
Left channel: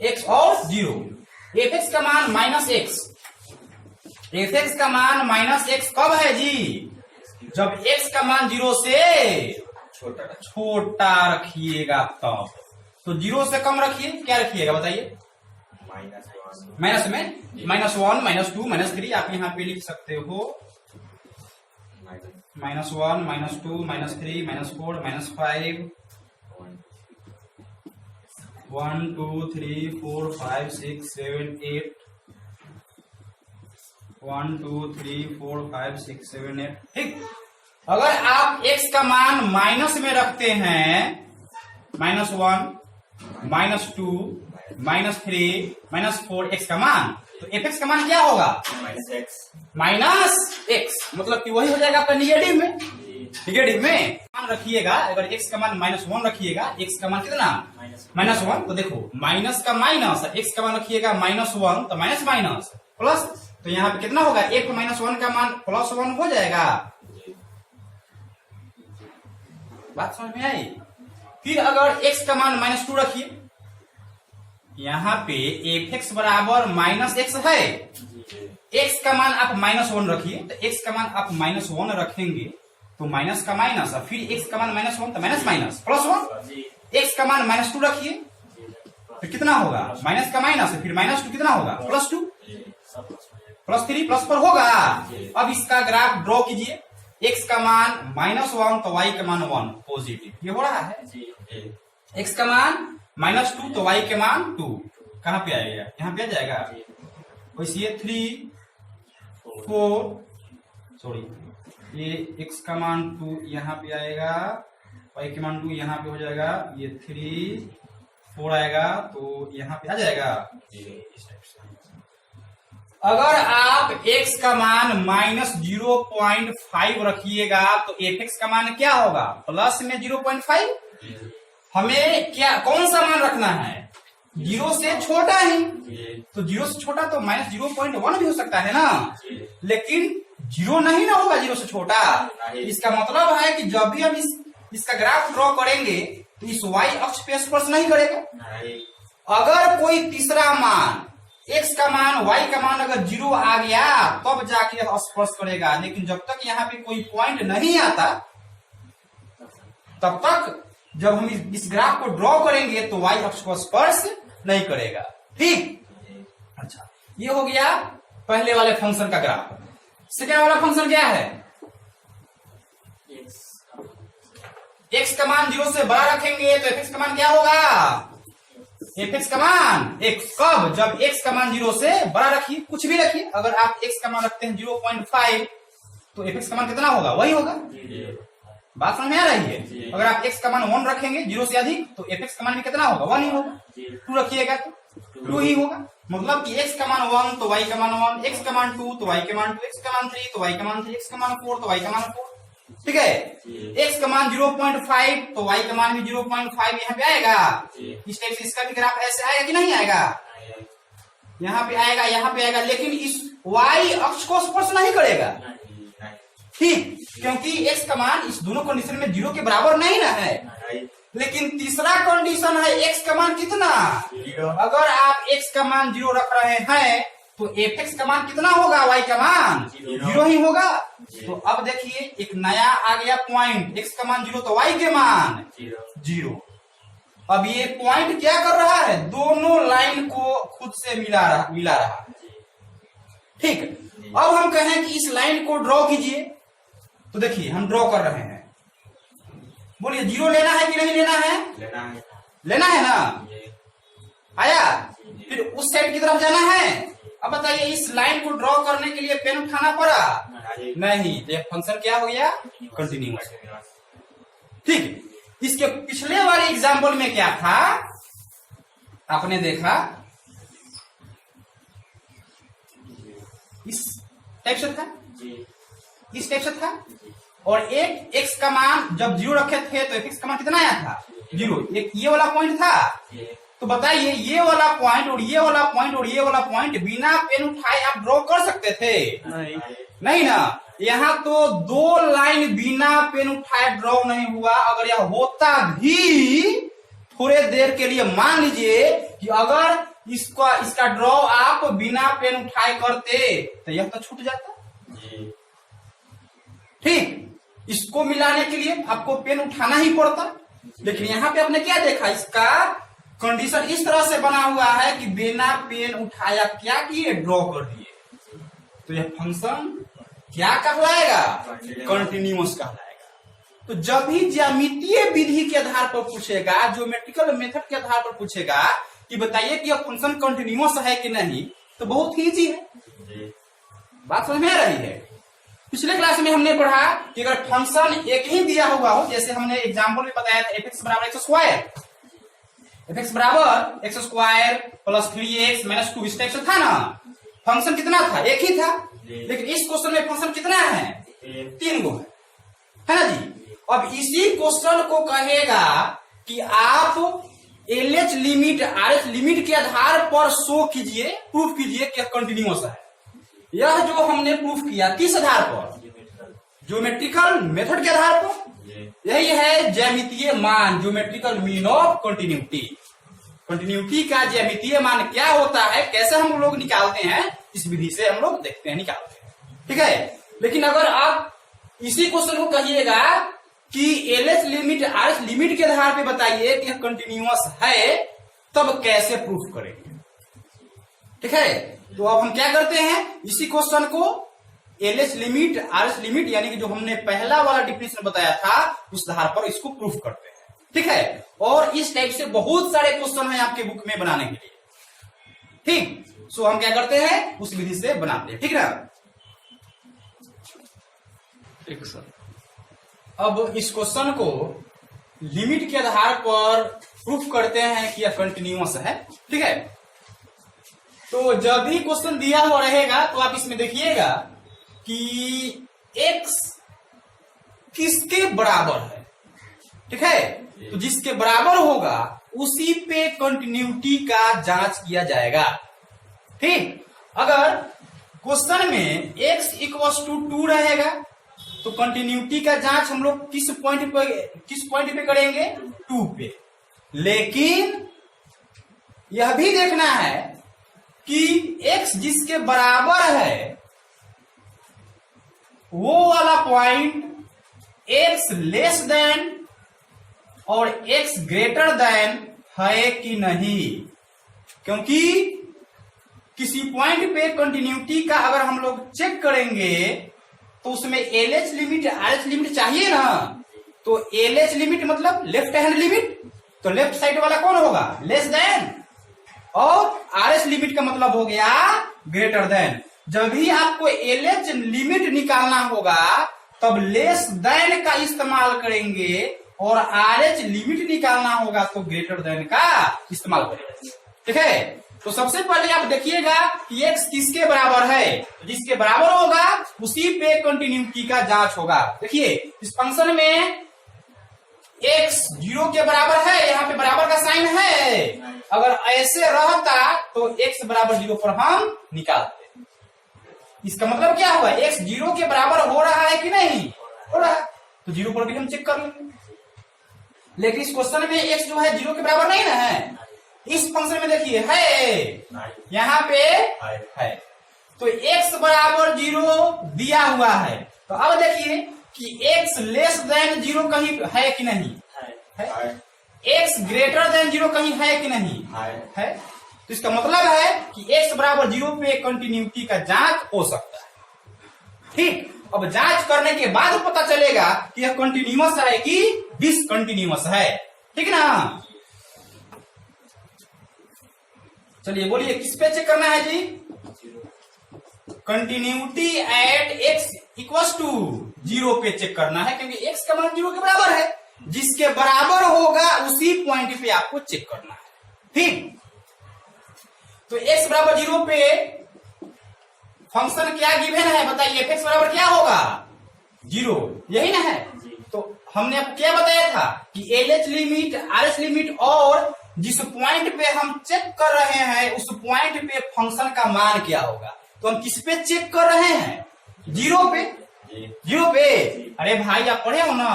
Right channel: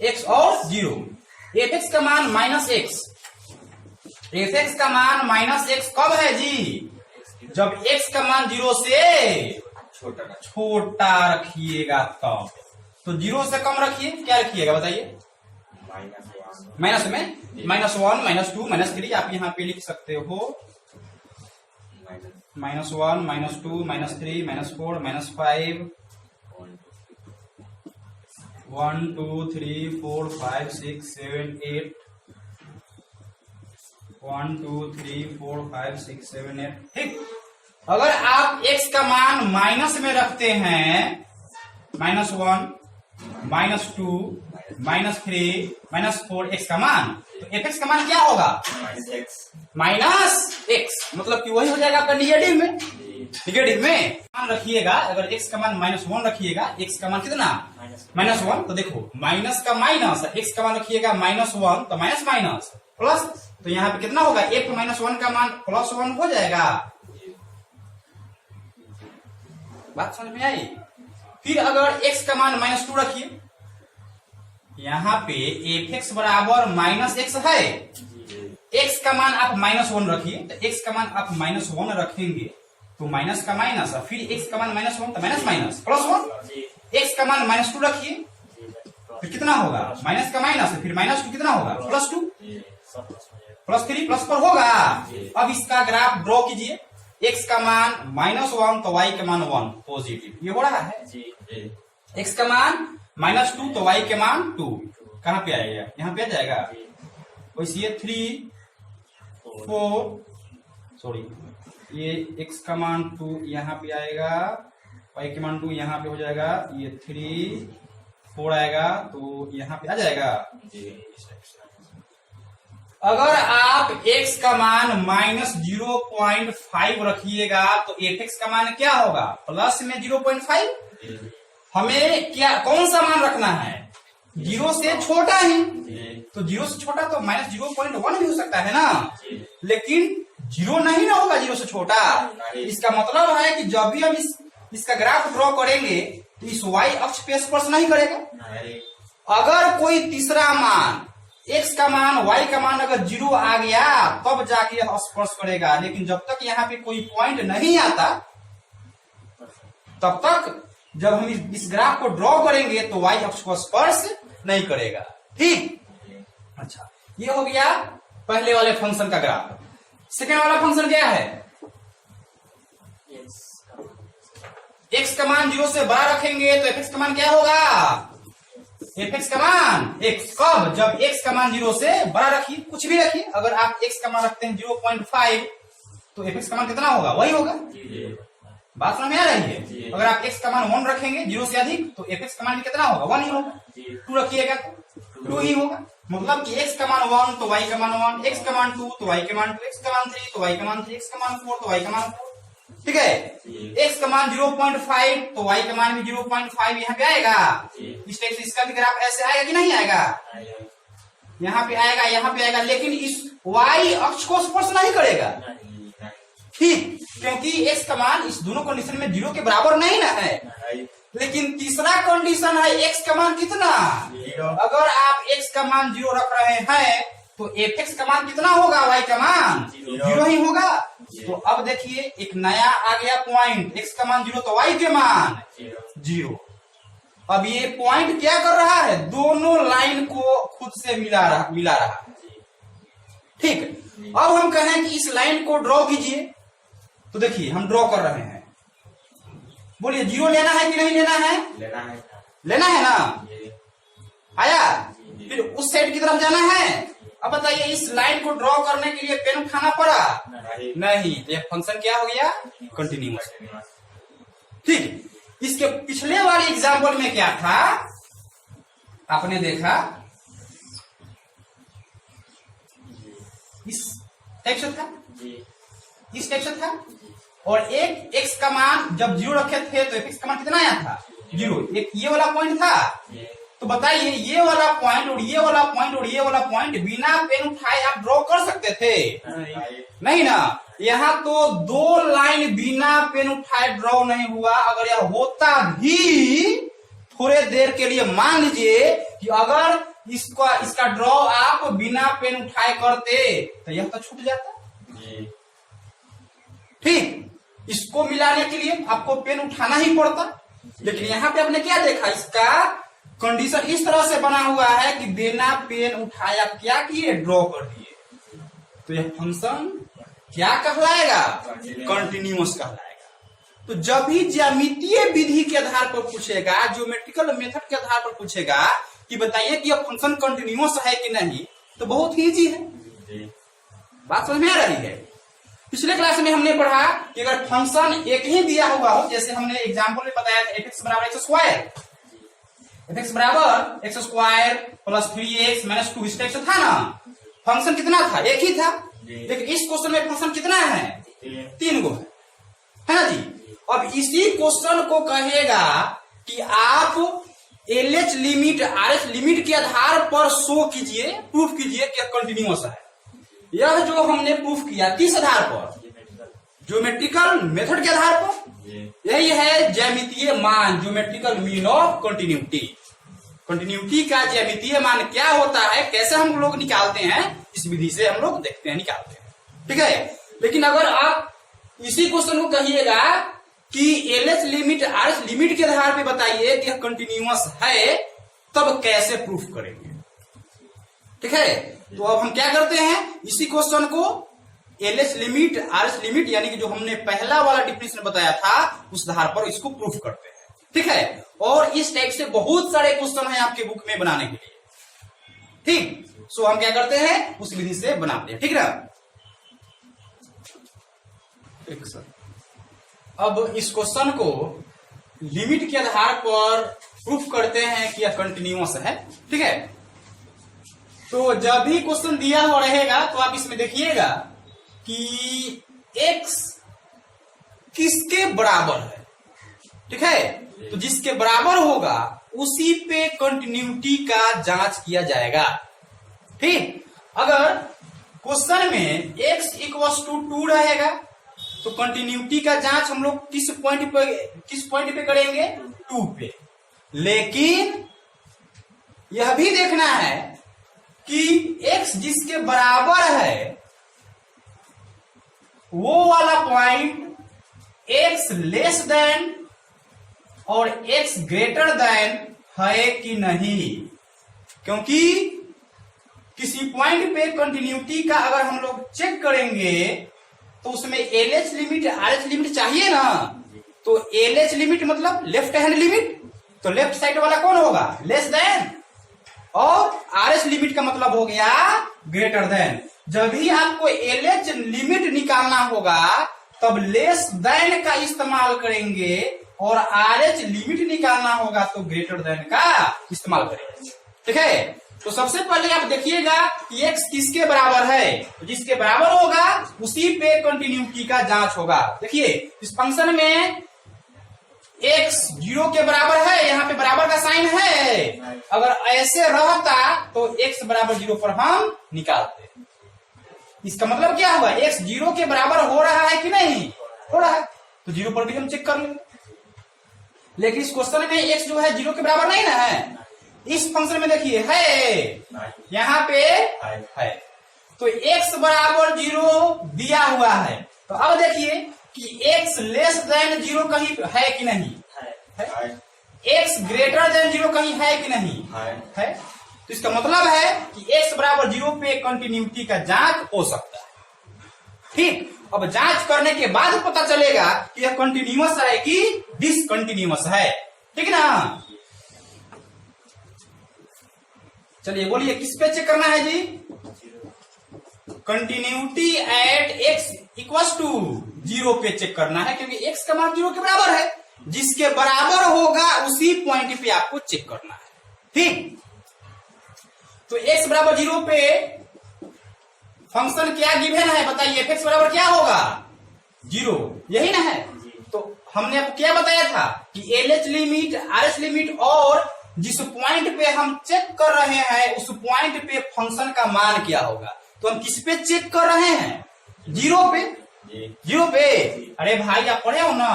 x और 0। fx का मान -x, fx का मान -x कब है जी, जब x का मान 0 से छोटा रखिएगा तब। तो 0 से कम रखिए, क्या रखिएगा बताइए, माइनस में -1, -2, -3 आप यहाँ पे लिख सकते हो। -1, -2, -3, -4, -5, 1 2 3 4 5 6 7 8, 1 2 3 4 5 6 7 8, ठीक। अगर आप x का मान माइनस में रखते हैं, -1, -2, -3, -4 x का मान, तो fx का मान क्या होगा, -x, मतलब कि वही हो जाएगा आपका निगेटिव में। निगेटिव में मान रखिएगा, अगर x का मान -1 रखिएगा, x का मान कितना, -1, तो देखो माइनस का माइनस, x का मान रखिएगा -1 तो माइनस माइनस प्लस, तो यहाँ पे कितना होगा, एक -1 का मान +1 हो जाएगा। बात समझ में आई। फिर अगर x का मान -2 रखिए, यहाँ पे fx बराबर -x है, x का मान आप -1 रखिए, तो x का मान आप -1 रखेंगे तो माइनस का माइनस, फिर x का मान -1 तो माइनस माइनस +1, x का मान -2 रखिए, फिर कितना होगा, माइनस का माइनस, फिर -2 कितना होगा, +2, +3, +4 होगा। अब इसका ग्राफ ड्रॉ कीजिए, x का मान -1 तो y का मान 1 पॉजिटिव, ये हो रहा है। x का मान -2 तो y के मान 2, कहां पे आएगा, यहाँ पे आ जाएगा। वैसे 3 4, सॉरी ये x का मान 2 यहाँ पे आएगा, y के मान 2 यहाँ पे हो जाएगा, ये 3 4 आएगा तो यहाँ पे आ जाएगा। अगर आप x का मान -0.5 रखिएगा तो fx का मान क्या होगा, प्लस में 0.5। हमें क्या कौन सा मान रखना है, 0 से छोटा ही, तो 0 से छोटा तो -0.1 भी हो सकता है ना, लेकिन 0 नहीं ना होगा 0 से छोटा। इसका मतलब है कि जब भी हम इसका ग्राफ ड्रॉ करेंगे तो इस y अक्ष पे स्पर्श नहीं करेगा। अगर कोई तीसरा मान, x का मान, y का मान अगर 0 आ गया तब जाके स्पर्श करेगा, लेकिन जब तक यहाँ पे कोई पॉइंट नहीं आता तब तक जब हम इस ग्राफ को ड्रॉ करेंगे तो y अक्ष को स्पर्श नहीं करेगा। ठीक, अच्छा, ये हो गया पहले वाले फंक्शन का ग्राफ। सेकेंड वाला फंक्शन क्या है? x का मान 0 से बड़ा रखेंगे तो fx का मान क्या होगा? fx का मान x कब? जब x का मान 0 से बड़ा रखिए, कुछ भी रखिए। अगर आप x का मान रखते हैं 0.5 तो fx का मान कितना होगा? वही होगा। बात समझ में आ रही है? अगर आप x का मान 1 रखेंगे 0 से अधिक तो fx का मान भी कितना होगा? 1 ही होगा। 2 रखिएगा तो 2 ही होगा। मतलब कि x का मान 1 तो y का मान 1, x का मान 2 तो y का मान 2, x का मान 3 तो y का मान 3, x का मान 4 तो y का मान 4। ठीक है, x का मान 0.5 तो y का मान भी 0.5 यहाँ पे आएगा। इस टाइप से इसका भी ग्राफ ऐसे आएगा कि नहीं आएगा? यहाँ पे आएगा, यहाँ पे आएगा, लेकिन इस y अक्ष को स्पर्श नहीं करेगा। ठीक, क्योंकि x का मान इस दोनों कंडीशन में 0 के बराबर नहीं ना है। लेकिन तीसरा कंडीशन है x का मान कितना? अगर आप x का मान 0 रख रहे हैं तो fx का मान कितना होगा? y का मान 0 ही होगा। तो अब देखिए एक नया आ गया पॉइंट, x का मान 0 तो y के मान 0। अब ये पॉइंट क्या कर रहा है? दोनों लाइन को खुद से मिला रहा। ठीक, अब हम कहें कि इस लाइन को ड्रॉ कीजिए, तो देखिए हम ड्रॉ कर रहे हैं। बोलिए 0 लेना है कि नहीं लेना है? लेना है ना? आया? फिर उस साइड की तरफ जाना है। अब बताइए इस लाइन को ड्रॉ करने के लिए पेन उठाना पड़ा? नहीं, तो यह फंक्शन क्या हो गया? कंटिन्यूअस। ठीक, इसके पिछले वाले एग्जाम्पल में क्या था? आपने देखा इस टाइप से था, इस टाइप से था, और एक x का मान जब 0 रखे थे तो fx का मान कितना आया था? 0। एक ये वाला पॉइंट था। तो बताइए ये वाला पॉइंट और ये वाला पॉइंट और ये वाला पॉइंट बिना पेन उठाए आप ड्रॉ कर सकते थे? नहीं ना। यहाँ तो 2 लाइन बिना पेन उठाए ड्रॉ नहीं हुआ। अगर यह होता भी थोड़े देर के लिए, मान लीजिए कि अगर इसका ड्रॉ आप बिना पेन उठाए करते तो यह तो छूट जाता। ठीक, इसको मिलाने के लिए आपको पेन उठाना ही पड़ता। लेकिन यहाँ पे आपने क्या देखा? इसका कंडीशन इस तरह से बना हुआ है कि बिना पेन उठाया क्या किए? ड्रॉ कर दिए। तो यह फंक्शन क्या कहलाएगा? कंटिन्यूअस कहलाएगा। तो जब भी ज्यामितीय विधि के आधार पर पूछेगा, ज्योमेट्रिकल मेथड के आधार पर पूछेगा कि बताइए कि यह फंक्शन कंटिन्यूअस है कि नहीं, तो बहुत ही इजी है। बात समझ में आ रही है? पिछले क्लास में हमने पढ़ा कि अगर फंक्शन एक ही दिया हुआ हो, जैसे हमने एग्जाम्पल में बताया था fx बराबर x स्क्वायर, fx बराबर x square plus 3x minus 2, इस टाइप से था ना। फंक्शन कितना था? एक ही था। लेकिन इस क्वेश्चन में फंक्शन कितना है? 3 गो है ना जी। अब इसी क्वेश्चन को कहेगा कि आप LH लिमिट RH लिमिट के आधार पर शो कीजिए, प्रूफ कीजिए कि कंटिन्यूअस है। यह जो हमने प्रूफ किया किस आधार पर? ज्योमेट्रिकल मेथड के आधार पर। यही है ज्यामितीय मान, geometrical mean of continuity. Continuity का ज्यामितीय मान क्या होता है, कैसे हम लोग निकालते हैं, इस विधि से हम लोग देखते हैं, निकालते हैं। ठीक है, लेकिन अगर आप इसी क्वेश्चन को कहिएगा कि LH लिमिट RH लिमिट के आधार पे बताइए कि कंटिन्यूअस है, तब कैसे प्रूफ करेंगे? ठीक है, तो अब हम क्या करते हैं, इसी क्वेश्चन को LH लिमिट RH लिमिट यानी कि जो हमने पहला वाला डिफिनेशन बताया था उस आधार पर इसको प्रूफ करते हैं। ठीक है, और इस टाइप से बहुत सारे क्वेश्चन हैं आपके बुक में बनाने के लिए। ठीक, सो हम क्या करते हैं, उस विधि से बनाते हैं। ठीक है, एक सर अब इस क्वेश्चन को लिमिट के आधार पर प्रूफ करते हैं कि यह कंटिन्यूअस है। ठीक है, तो जब भी क्वेश्चन दिया हुआ रहेगा तो आप इसमें देखिएगा कि x किसके बराबर है। ठीक है, तो जिसके बराबर होगा उसी पे कंटिन्यूटी का जांच किया जाएगा। ठीक, अगर क्वेश्चन में x इक्वल्स टू 2 रहेगा तो कंटिन्यूटी का जांच हम लोग किस पॉइंट पे करेंगे? 2 पे। लेकिन यह भी देखना है कि x जिसके बराबर है वो वाला पॉइंट x लेस देन और x ग्रेटर देन है कि नहीं, क्योंकि किसी पॉइंट पे कंटिन्यूटी का अगर हम लोग चेक करेंगे तो उसमें LH लिमिट RH लिमिट चाहिए ना। तो LH लिमिट मतलब लेफ्ट हैंड लिमिट, तो लेफ्ट साइड वाला कौन होगा, लेस देन, और RH लिमिट का मतलब हो गया ग्रेटर देन। जब भी आपको LH लिमिट निकालना होगा तब लेस देन का इस्तेमाल करेंगे, और RH लिमिट निकालना होगा तो ग्रेटर देन का इस्तेमाल करेंगे। ठीक है, तो सबसे पहले आप देखिएगा कि x किसके बराबर है, तो जिसके बराबर होगा उसी पे कंटिन्यूटी का जांच होगा। देखिए इस फंक्शन में x 0 के बराबर है, यहाँ पे बराबर का साइन है, अगर ऐसे रहता तो x बराबर 0 पर हम निकालते। इसका मतलब क्या हुआ, x 0 के बराबर हो रहा है कि नहीं, हो रहा है, तो 0 पर भी हम चेक कर लेंगे। लेकिन इस क्वेश्चन में x जो है 0 के बराबर नहीं ना है। इस फंक्शन में देखिए है, यहाँ पे है, तो x बराबर 0 दिया हुआ है। तो अब देखिए कि x लेस देन 0 कहीं है कि नहीं है, x ग्रेटर देन 0 कहीं है कि नहीं है। तो इसका मतलब है कि x बराबर 0 पे कंटिन्यूटी का जांच हो सकता है। ठीक, अब जांच करने के बाद पता चलेगा कि यह कंटिन्यूअस है कि डिसकंटिन्यूअस है। ठीक ना, चलिए बोलिए किस पे चेक करना है जी, continuity at x equal to 0 पे चेक करना है, क्योंकि x का मान 0 के बराबर है, जिसके बराबर होगा उसी पॉइंट पे आपको चेक करना है। ठीक, तो x बराबर 0 पे फंक्शन क्या गिवन है बताइए, f बराबर क्या होगा 0, यही ना है। तो हमने आपको क्या बताया था कि LH लिमिट RH लिमिट और जिस पॉइंट पे हम चेक कर रहे हैं उस पॉइंट पे फंक्शन का मान क्या होगा। तो हम किस पे चेक कर रहे हैं, 0 पे, 0 पे। अरे भाई आप पढ़े हो ना,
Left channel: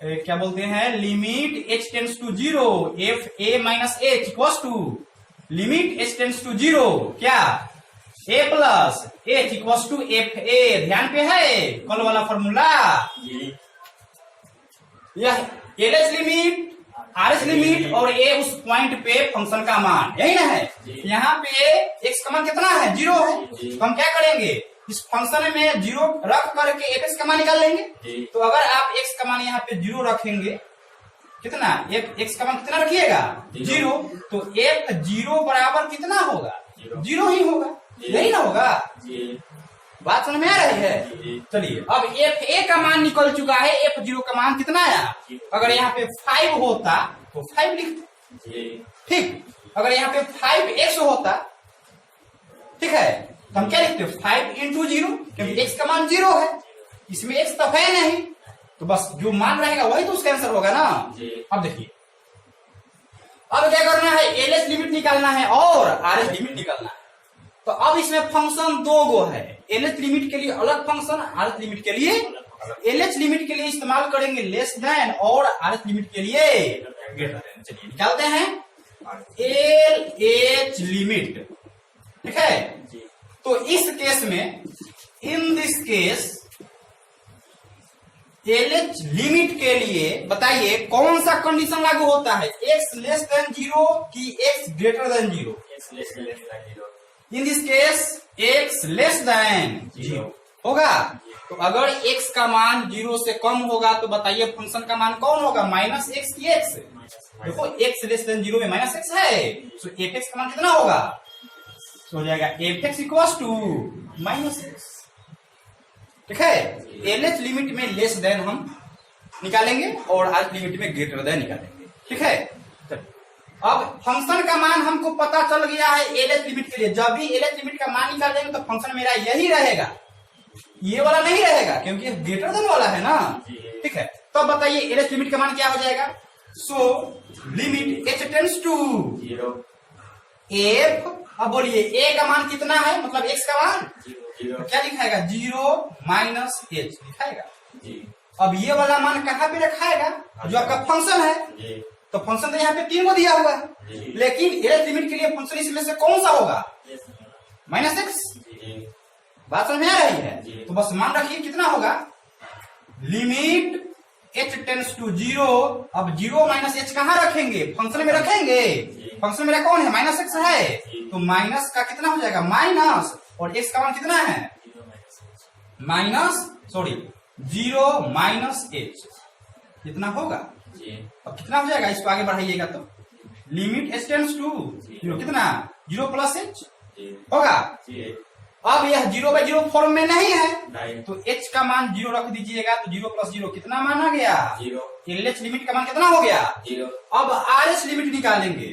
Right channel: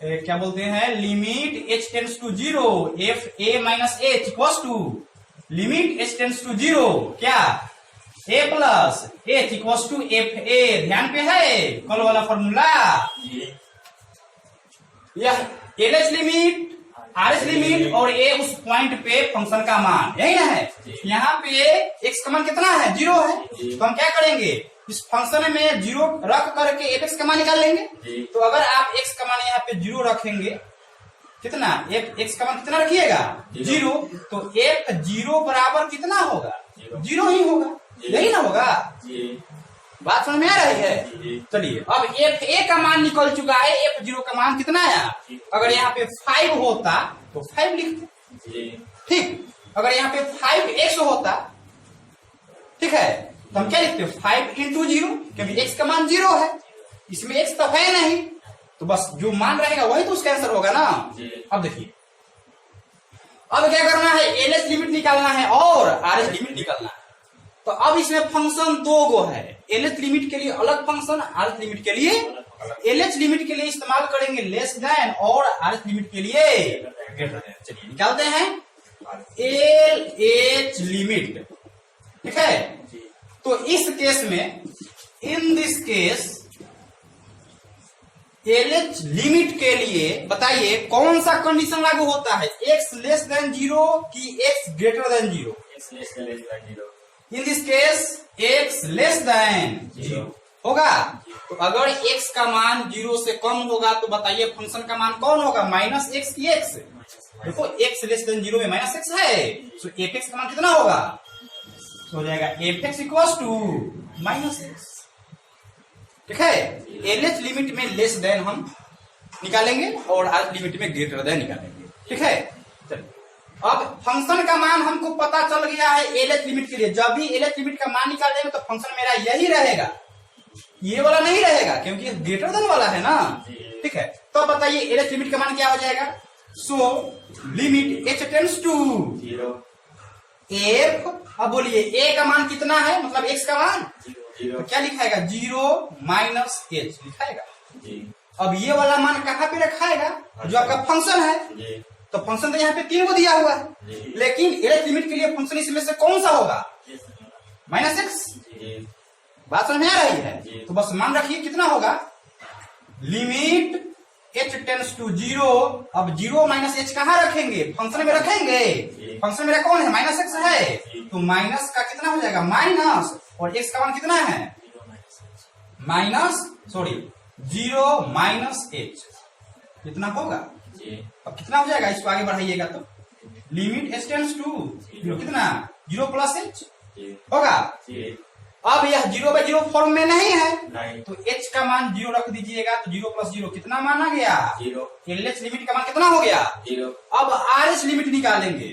क्या बोलते हैं, limit h tends to 0 f a minus h equal to limit h tends to 0 क्या a plus h equal to f a। ध्यान पे है कल वाला फॉर्मूला, यह LH लिमिट RH लिमिट और a उस पॉइंट पे फंक्शन का मान, यही ना है। यहाँ पे x का मान कितना है, 0 है, तो हम क्या करेंगे, इस फंक्शन में 0 रख करके fx का मान निकाल लेंगे। तो अगर आप x का मान यहाँ पे 0 रखेंगे, कितना x का मान कितना रखिएगा 0, तो f 0 बराबर कितना होगा, 0 ही होगा, यही ना होगा। बात समझ में आ रही है। चलिए अब f a का मान निकल चुका है, f 0 का मान कितना आया, अगर यहाँ पे 5 होता तो 5 लिखते। ठीक, अगर यहाँ पे 5x होता, ठीक है, तो हम क्या लिखते, 5 इंटू 0, क्योंकि x का मान 0 है, इसमें x तो है नहीं, तो बस जो मान रहेगा वही तो उसका आंसर होगा ना। अब देखिए अब क्या करना है, LH लिमिट निकालना है और RH लिमिट निकालना है। तो अब इसमें फंक्शन 2 गो है, LH लिमिट के लिए अलग फंक्शन, RH लिमिट के लिए। LH लिमिट के लिए इस्तेमाल करेंगे लेस देन और RH लिमिट के लिए ग्रेटर देन। चलिए निकालते हैं LH लिमिट। ठीक है, तो इस केस में, in this case LH limit के लिए बताइए कौन सा कंडीशन लागू होता है, x लेस देन 0 कि x greater than 0। In this case x less than 0 होगा। तो अगर x का मान 0 से कम होगा तो बताइए फंक्शन का मान कौन होगा, माइनस x की x। देखो x लेस देन 0 में माइनस x है, तो fx का मान कितना होगा, तो हो जाएगा fx equal to minus x। ठीक है, LH लिमिट में लेस देन हम निकालेंगे और RH लिमिट में ग्रेटर देन निकालेंगे। ठीक है, अब फंक्शन का मान हमको पता चल गया है LH लिमिट के लिए। जब भी LH लिमिट का मान निकाल देंगे तो फंक्शन मेरा यही रहेगा, ये वाला नहीं रहेगा, क्योंकि ग्रेटर देन वाला है ना। ठीक है, तो बताइए LH लिमिट का मान क्या हो जाएगा, so limit h tends to 0 f। अब बोलिए a का मान कितना है, मतलब x का मान, तो क्या लिखाएगा 0 माइनस h लिखाएगा। अब ये वाला मान कहाँ पे रखाएगा, जो आपका फंक्शन है, तो फंक्शन तो यहाँ पे 3 को दिया हुआ है, लेकिन LH लिमिट के लिए फंक्शन इसमें से कौन सा होगा, माइनस x। बात समझ में आ रही है, तो बस मान रखिए कितना होगा, लिमिट h टेंड्स टू 0, अब 0 माइनस h कहाँ रखेंगे? फंक्शन में रखेंगे। फंक्शन मेरा कौन है? माइनस x है, तो माइनस का कितना हो जाएगा? माइनस, और x का मान कितना है? माइनस 0 माइनस h, कितना होगा? अब कितना हो जाएगा? इसको आगे बढ़ाइएगा तो लिमिट h टेंड्स टू 0, कितना? 0 प्लस h होगा। अब यह 0/0 फॉर्म में नहीं है, तो h का मान 0 रख दीजिएगा, तो 0 प्लस 0 कितना माना गया? 0। LH लिमिट का मान कितना हो गया? 0। अब RH लिमिट निकालेंगे।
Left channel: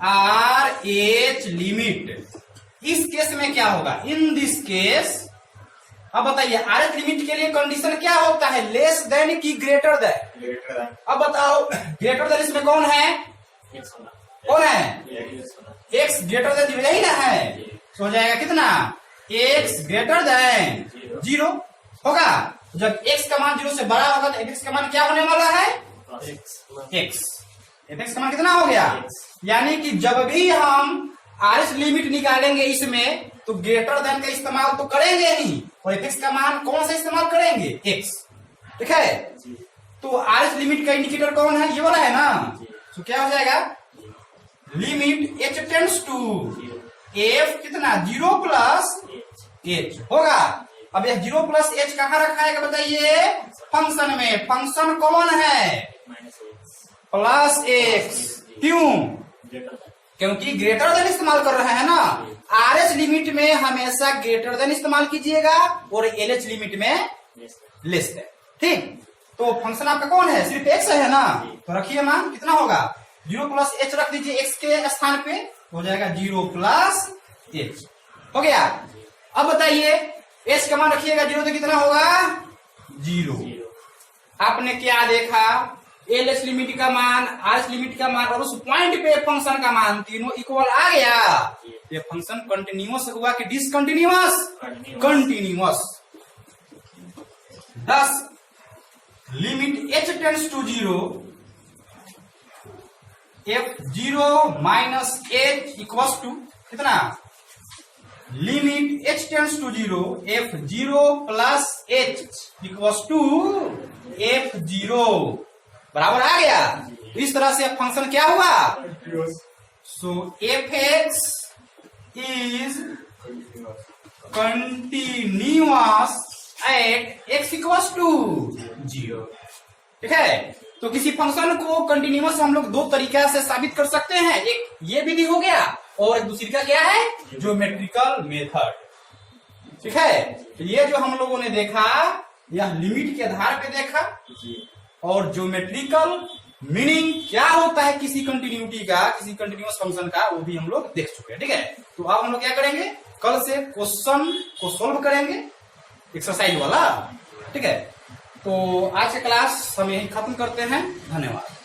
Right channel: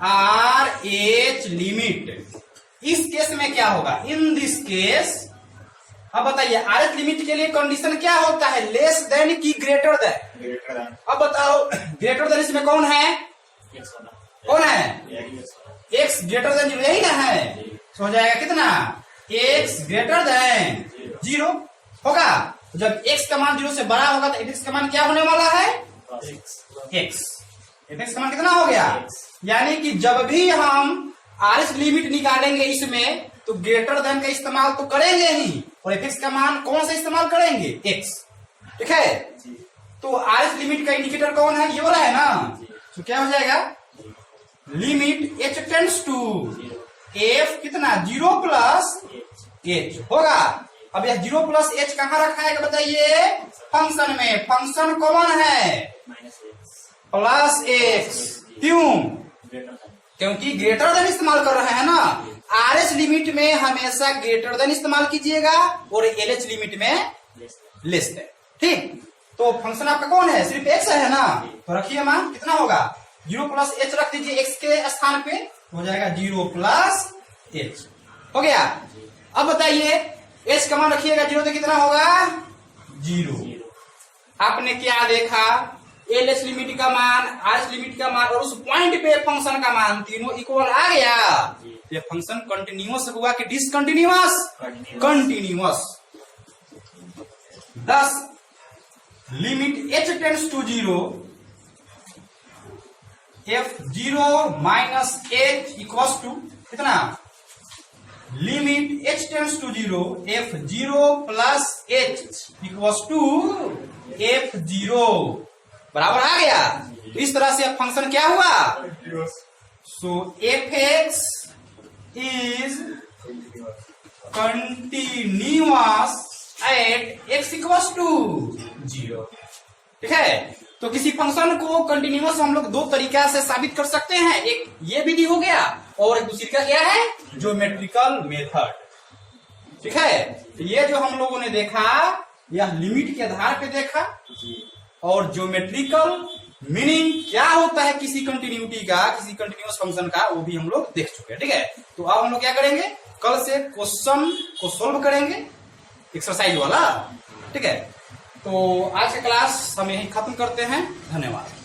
RH लिमिट इस केस में क्या होगा? इन दिस केस, अब बताइए RH लिमिट के लिए कंडीशन क्या होता है? लेस देन की ग्रेटर देन? अब बताओ ग्रेटर देन इसमें कौन है? कौन है? x ग्रेटर देन 0, यही ना है, तो हो जाएगा कितना? x ग्रेटर देन 0 होगा। जब x का मान 0 से बड़ा होगा तो fx का मान क्या होने वाला है? x। fx का मान कितना हो गया? यानी कि जब भी हम RH लिमिट निकालेंगे इसमें, तो ग्रेटर देन का इस्तेमाल तो करेंगे ही, और fx का मान कौन सा इस्तेमाल करेंगे? x। ठीक है, तो RH लिमिट का इंडिकेटर कौन है? ये वाला है ना, तो क्या हो जाएगा? Limit h tends to f कितना? 0 प्लस h होगा। अब यह 0 प्लस h कहाँ रखा है बताइए? फंक्शन में। फंक्शन कौन है? Plus x। क्यों? क्योंकि ग्रेटर देन इस्तेमाल कर रहे हैं ना। RH लिमिट में हमेशा ग्रेटर देन इस्तेमाल कीजिएगा, और LH लिमिट में लेस देन। ठीक, तो फंक्शन आपका कौन है? सिर्फ x है ना, तो रखिए मान कितना होगा? 0 प्लस h रख दीजिए x के स्थान पे, हो जाएगा 0 प्लस h। हो गया। अब बताइए h का मान रखिएगा 0, तो कितना होगा? 0। आपने क्या देखा? LH लिमिट का मान, RH लिमिट का मान, और उस पॉइंट पे फंक्शन का मान तीनों इक्वल आ गया। ये फंक्शन कंटिन्यूअस हुआ कि discontinuous? Continuous. thus limit h tends to 0, f0 minus h equals to कितना? Limit h tends to 0, f0 plus h equals to f0 बराबर आ गया। तो इस तरह से फंक्शन क्या हुआ? So fx is continuous at x equals to 0। ठीक है, तो किसी फंक्शन को कंटिन्यूअस हम लोग दो तरीका से साबित कर सकते हैं। एक ये विधि हो गया, और दूसरी का क्या है? Geometrical method. ठीक है, तो ये जो हम लोगों ने देखा, यह लिमिट के आधार पे देखा, और ज्योमेट्रिकल मीनिंग क्या होता है किसी कंटिन्यूटी का, किसी कंटिन्यूअस फंक्शन का, वो भी हम लोग देख चुके हैं। ठीक है, तो अब हम लोग क्या करेंगे? कल से क्वेश्चन को सोल्व करेंगे, एक्सरसाइज वाला। ठीक है, तो आज का क्लास हम यही खत्म करते हैं। धन्यवाद।